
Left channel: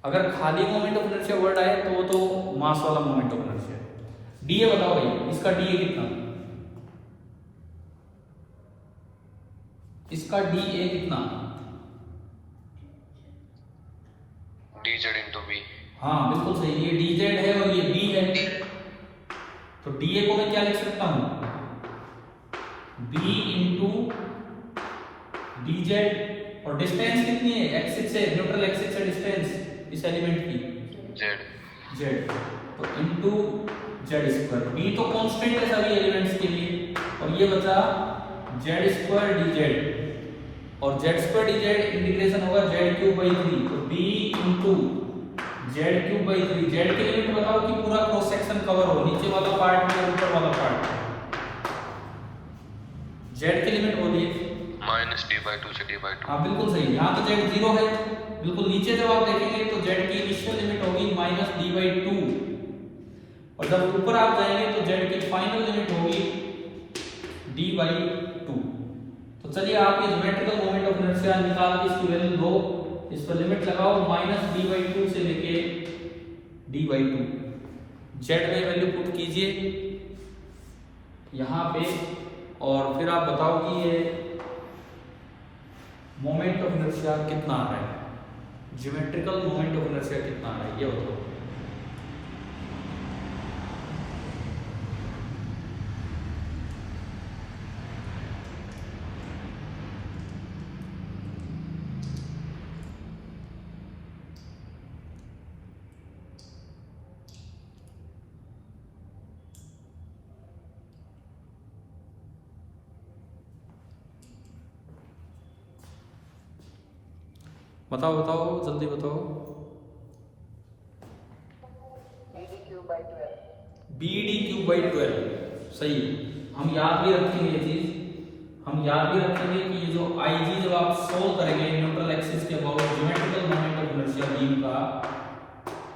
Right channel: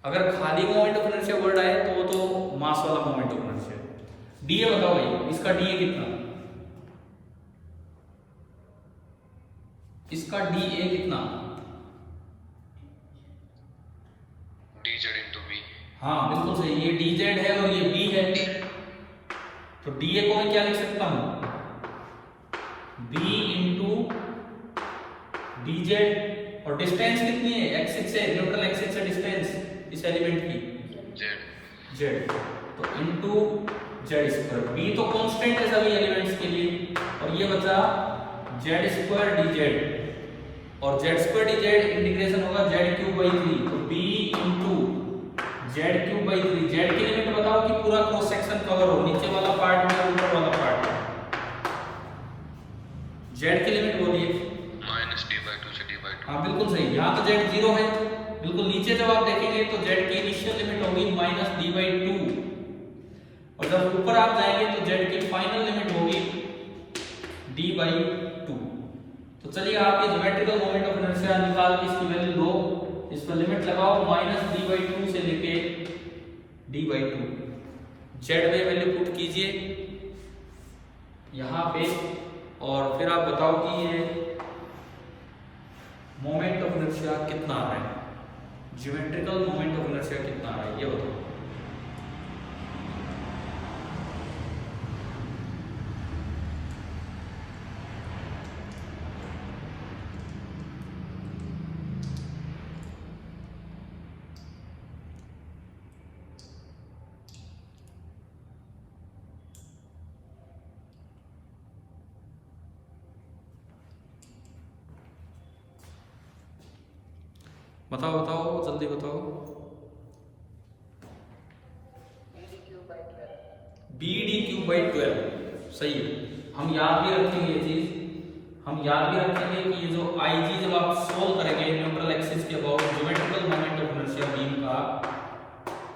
अगर खाली मोमेंट ऑफ इनर्शिया वर्ड आए तो वो तो मास वाला मोमेंट ऑफ इनर्शिया है। dA बताओ भाई, इसका dA कितना, इसका dA कितना, dz into v। हाँ बिल्कुल सही, ये dz है और ये b है, तो dA को मैं क्या लिख सकता हूं, b इंटू dz, और डिस्टेंस कितनी है एक्सिस से, न्यूट्रल एक्सिस से डिस्टेंस इस एलिमेंट की z, तो इंटू जेड स्क्वायर। b तो कांस्टेंट है सभी एलिमेंट्स के लिए, और ये बचा जेड स्क्वायर dz, और जेड स्क्वायर dz इंटीग्रेशन होगा z3/3, तो b इंटू z3/3। जेड की लिमिट बताओ कि पूरा क्रॉस सेक्शन कवर हो, नीचे वाला पार्ट में ऊपर वाला पार्ट, जेड की लिमिट बोलिए। -d/2 से d/2। हाँ बिल्कुल सही, यहाँ तो z 0 है, बिल्कुल नीचे जब आप देखेंगे तो z की इनिशियल लिमिट होगी -d/2, और जब ऊपर आप जाएंगे तो z की फाइनल लिमिट होगी d/2। तो चलिए आप ये ज्योमेट्रिकल मोमेंट ऑफ इनर्शिया निकाल के इसकी वैल्यू दो, इस पर लिमिट लगाओ -d/2 से लेके d/2, z में वैल्यू पुट कीजिए यहाँ पे, और फिर आप बताओ कि ये मोमेंट ऑफ इनर्शिया कितना आ रहा है, ज्योमेट्रिकल मोमेंट ऑफ इनर्शिया कितना आ रहा है ये बताओ। बताओ बताओ जल्दी बताओ। BD3/12 सही है, हम याद भी रखेंगे ये चीज, हम याद भी रखेंगे कि ये जो IG जब आप सोल्व करेंगे न्यूट्रल एक्सिस के about geometrical moment of inertia beam का,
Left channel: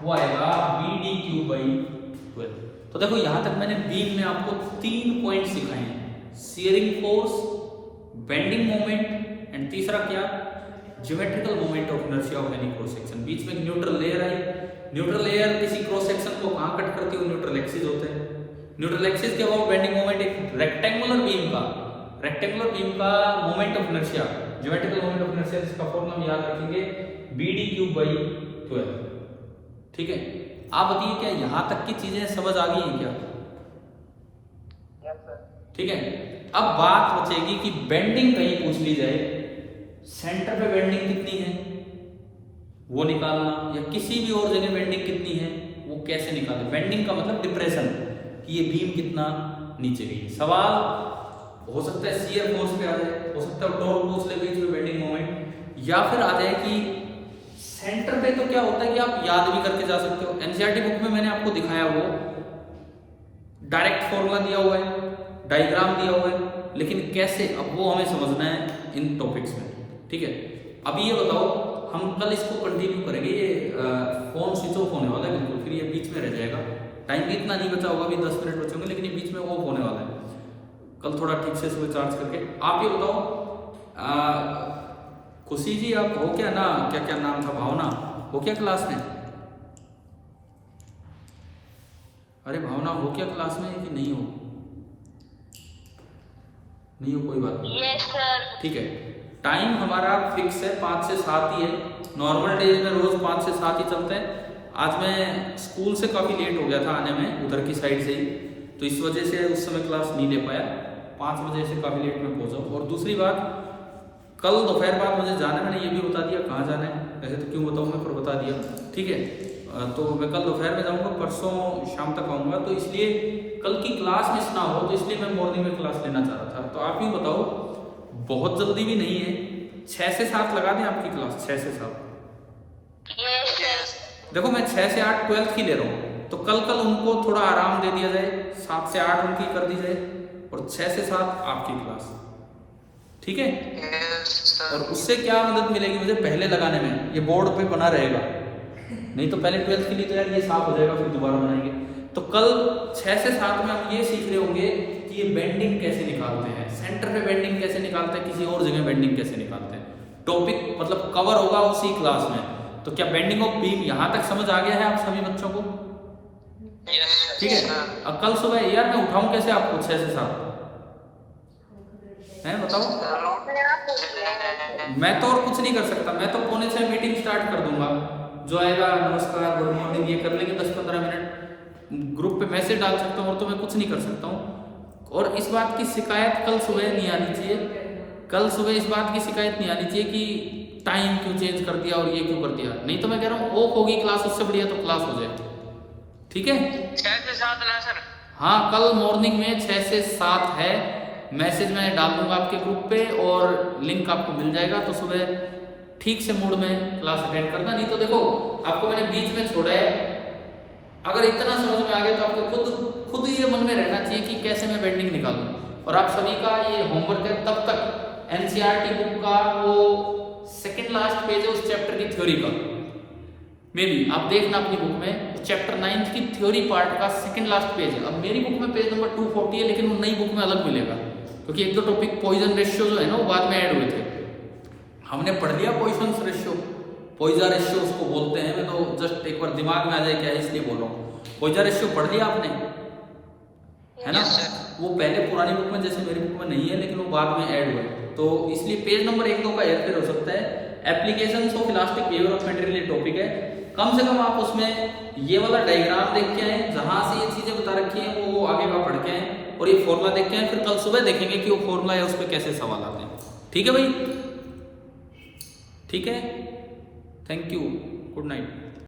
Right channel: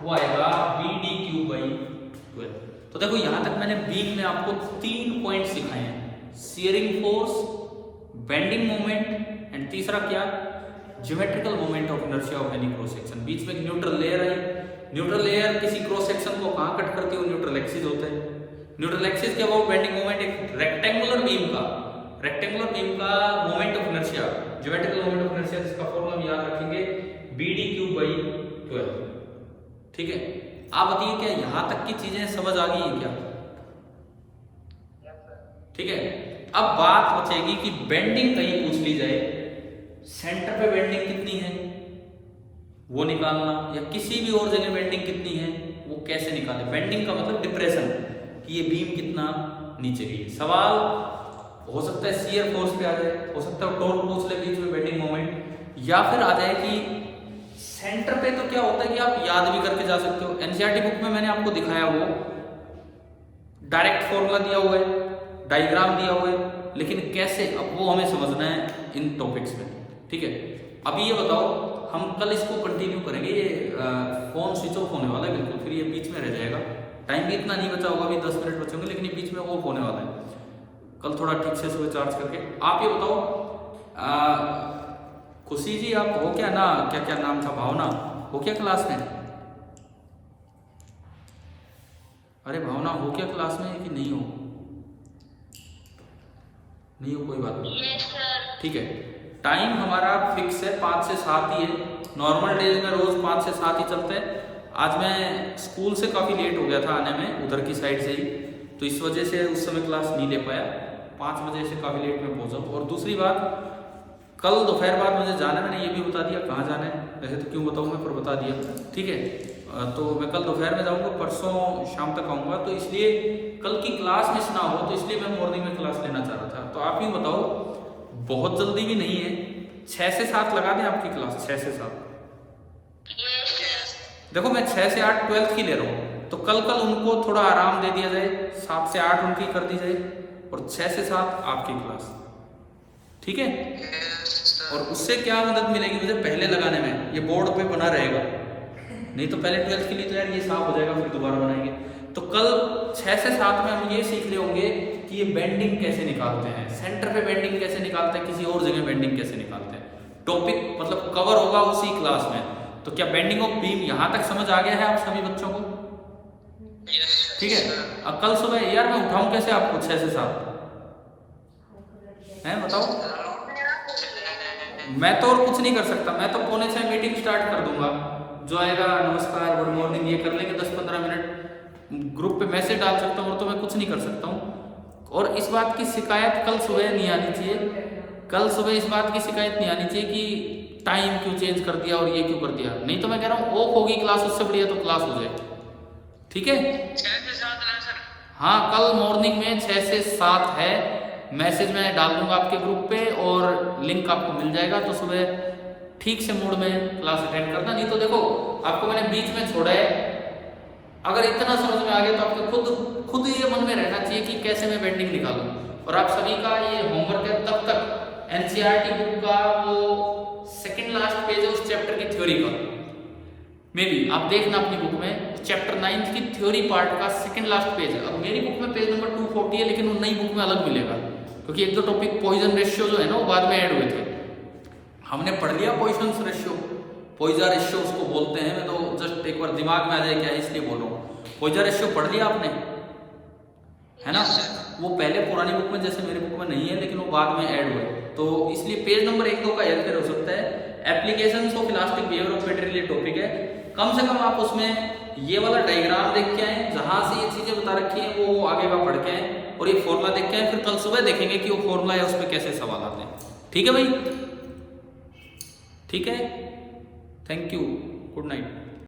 वो आएगा BD3/12। तो देखो यहां तक मैंने बीम में आपको 3 पॉइंट सिखाए हैं, shearing force, bending moment, and तीसरा क्या, geometrical moment of inertia of any cross section. बीच में न्यूट्रल लेयर आई, न्यूट्रल लेयर किसी क्रॉस सेक्शन को कहां कट करती है, न्यूट्रल एक्सिस होते हैं। न्यूट्रल एक्सिस के अबाउट बेंडिंग मोमेंट, एक रेक्टेंगुलर बीम का moment of inertia, geometrical moment of inertia, जिसका फॉर्मूला हम याद रखेंगे BD3/12। ठीक है, आप बताइए क्या यहां तक की चीजें समझ आ गई हैं क्या? ठीक है, अब बात बचेगी कि बेंडिंग कहीं पूछ ली जाए, सेंटर पे बेंडिंग कितनी है वो निकालना, या किसी भी और जगह बेंडिंग कितनी है वो कैसे निकाले। बेंडिंग का मतलब डिप्रेशन, कि ये बीम कितना नीचे गई है। सवाल हो सकता है शियर फोर्स पे आ जाए, हो सकता है टॉर्क पूछ ले बीच में बेंडिंग मोमेंट, या फिर आ जाए कि सेंटर पे। तो क्या होता है कि आप याद भी करके जा सकते हो, एनसीईआरटी बुक में मैंने आपको दिखाया, वो डायरेक्ट फॉर्मूला दिया हुआ है, डायग्राम दिया हुआ है, लेकिन कैसे, अब वो हमें समझना है इन टॉपिक्स में। ठीक है, अभी ये बताओ, हम कल इसको कंटिन्यू करेंगे, ये फोन स्विच ऑफ होने वाला है बिल्कुल, फिर ये बीच में रह जाएगा। टाइम भी इतना नहीं बचा होगा, अभी 10 मिनट बचे होंगे, लेकिन ये बीच में ऑफ होने वाला है। कल थोड़ा ठीक से सुबह चार्ज करके। आप ये बताओ, खुशी जी आप हो क्या ना, क्या क्या नाम था, भावना हो क्या क्लास में? अरे भावना हो क्या क्लास में कि नहीं हो? नहीं हो, कोई बात नहीं। Yes sir. ठीक है, टाइम हमारा फिक्स है, 5 से 7 ही है। नॉर्मल डेज में रोज 5 से 7 ही चलते हैं। आज मैं स्कूल से काफ़ी लेट हो गया था आने में, उधर की साइड से ही, तो इस वजह से उस समय क्लास नहीं ले पाया। 5 बजे से काफ़ी लेट में पहुंचा। और दूसरी बात, कल दोपहर बाद मुझे जाना है, मैंने ये भी बता दिया कहाँ जाना है, वैसे तो क्यों बताऊँ मैं, पर बता दिया। ठीक है, तो मैं कल दोपहर में जाऊंगा, परसों शाम तक आऊंगा, तो इसलिए कल की क्लास मिस ना हो, तो इसलिए मैं मॉर्निंग में क्लास लेना चाह रहा था। तो आप ही बताओ, बहुत जल्दी भी नहीं है, 6 से 7 लगा दें आपकी क्लास, 6 से 7। Yes, sir. देखो मैं 6 से 8 12th की ले रहा हूँ, तो कल उनको थोड़ा आराम दे दिया जाए, 7 से 8 उनकी कर दी जाए और 6 से 7 आपकी क्लास, ठीक है। Yes, sir. और उससे क्या मदद मिलेगी मुझे पहले लगाने में, ये बोर्ड पे बना रहेगा, नहीं तो पहले 12th के लिए तो यार ये साफ हो जाएगा, फिर दोबारा बनाएंगे। तो कल 6 से 7 में हम ये सीख रहे होंगे कि ये बेंडिंग कैसे निकालते हैं, सेंटर पे बेंडिंग कैसे निकालते हैं, किसी और जगह बेंडिंग कैसे निकालते हैं। टॉपिक मतलब कवर होगा उसी क्लास में। तो क्या बेंडिंग ऑफ बीम यहाँ तक समझ आ गया है आप सभी बच्चों को? Yes, ठीक है। sir. अब कल सुबह यार मैं उठाऊं कैसे आपको 6 से 7 है, बताओ। मैं तो और कुछ नहीं कर सकता, मैं तो पौने 6 मीटिंग स्टार्ट कर दूंगा, जो आएगा नमस्कार गुड मॉर्निंग ये कर लेंगे, 10-15 मिनट ग्रुप पे मैसेज डाल सकता हूँ, और तो मैं कुछ नहीं कर सकता हूँ। और इस बात की शिकायत कल सुबह नहीं आनी चाहिए, कल सुबह इस बात की शिकायत नहीं आनी चाहिए कि टाइम क्यों चेंज कर दिया और ये क्यों कर दिया। नहीं तो मैं कह रहा हूँ ऑफ होगी क्लास, उससे बढ़िया तो क्लास हो जाए, ठीक है। 6 से 7 है सर। हाँ कल मॉर्निंग में 6 से 7 है, मैसेज मैं डाल दूंगा आपके ग्रुप पे और लिंक आपको मिल जाएगा। तो सुबह ठीक से मूड में क्लास अटेंड करना। नहीं तो देखो आपको मैंने बीच में छोड़ा है, अगर इतना समझ में आ गया तो आपको खुद ये मन में रहना चाहिए कि कैसे मैं बेंडिंग निकालूं। और आप सभी का ये होमवर्क है, तब तक एनसीईआरटी बुक का वो सेकंड लास्ट पेज है उस चैप्टर की थ्योरी का, मे बी आप देखना अपनी बुक में, उस चैप्टर 9 की थ्योरी पार्ट का सेकंड लास्ट पेज है। अब मेरी बुक में पेज नंबर 240 है, लेकिन वो नई बुक में अलग मिलेगा, क्योंकि 1-2 टॉपिक पॉइजन रेशियो जो है ना वो बाद में ऐड हुए थे। हमने पढ़ लिया पॉइजन रेशियो, पॉइजन रेशियो उसको बोलते हैं, मैं तो जस्ट एक बार दिमाग में आ जाए क्या है इसलिए बोल रहा हूँ। पॉइजन रेशियो पढ़ लिया आपने, है ना। वो पहले पुरानी बुक में, जैसे मेरी बुक में नहीं है, लेकिन वो बाद में ऐड हुए, तो इसलिए पेज नंबर 1-2 का हेरफेर हो सकता है। Applications of elastic behaviour of material ये टॉपिक है, कम से कम आप उसमें ये वाला डायग्राम देख के आए, जहां से ये चीजें बता रखी हैं वो आगे का पढ़ के आए, और ये फॉर्मूला देख के आए, फिर कल सुबह देखेंगे कि वो फॉर्मूला है उस पर कैसे सवाल आते हैं। ठीक है भाई, ठीक है, थैंक यू, गुड नाइट।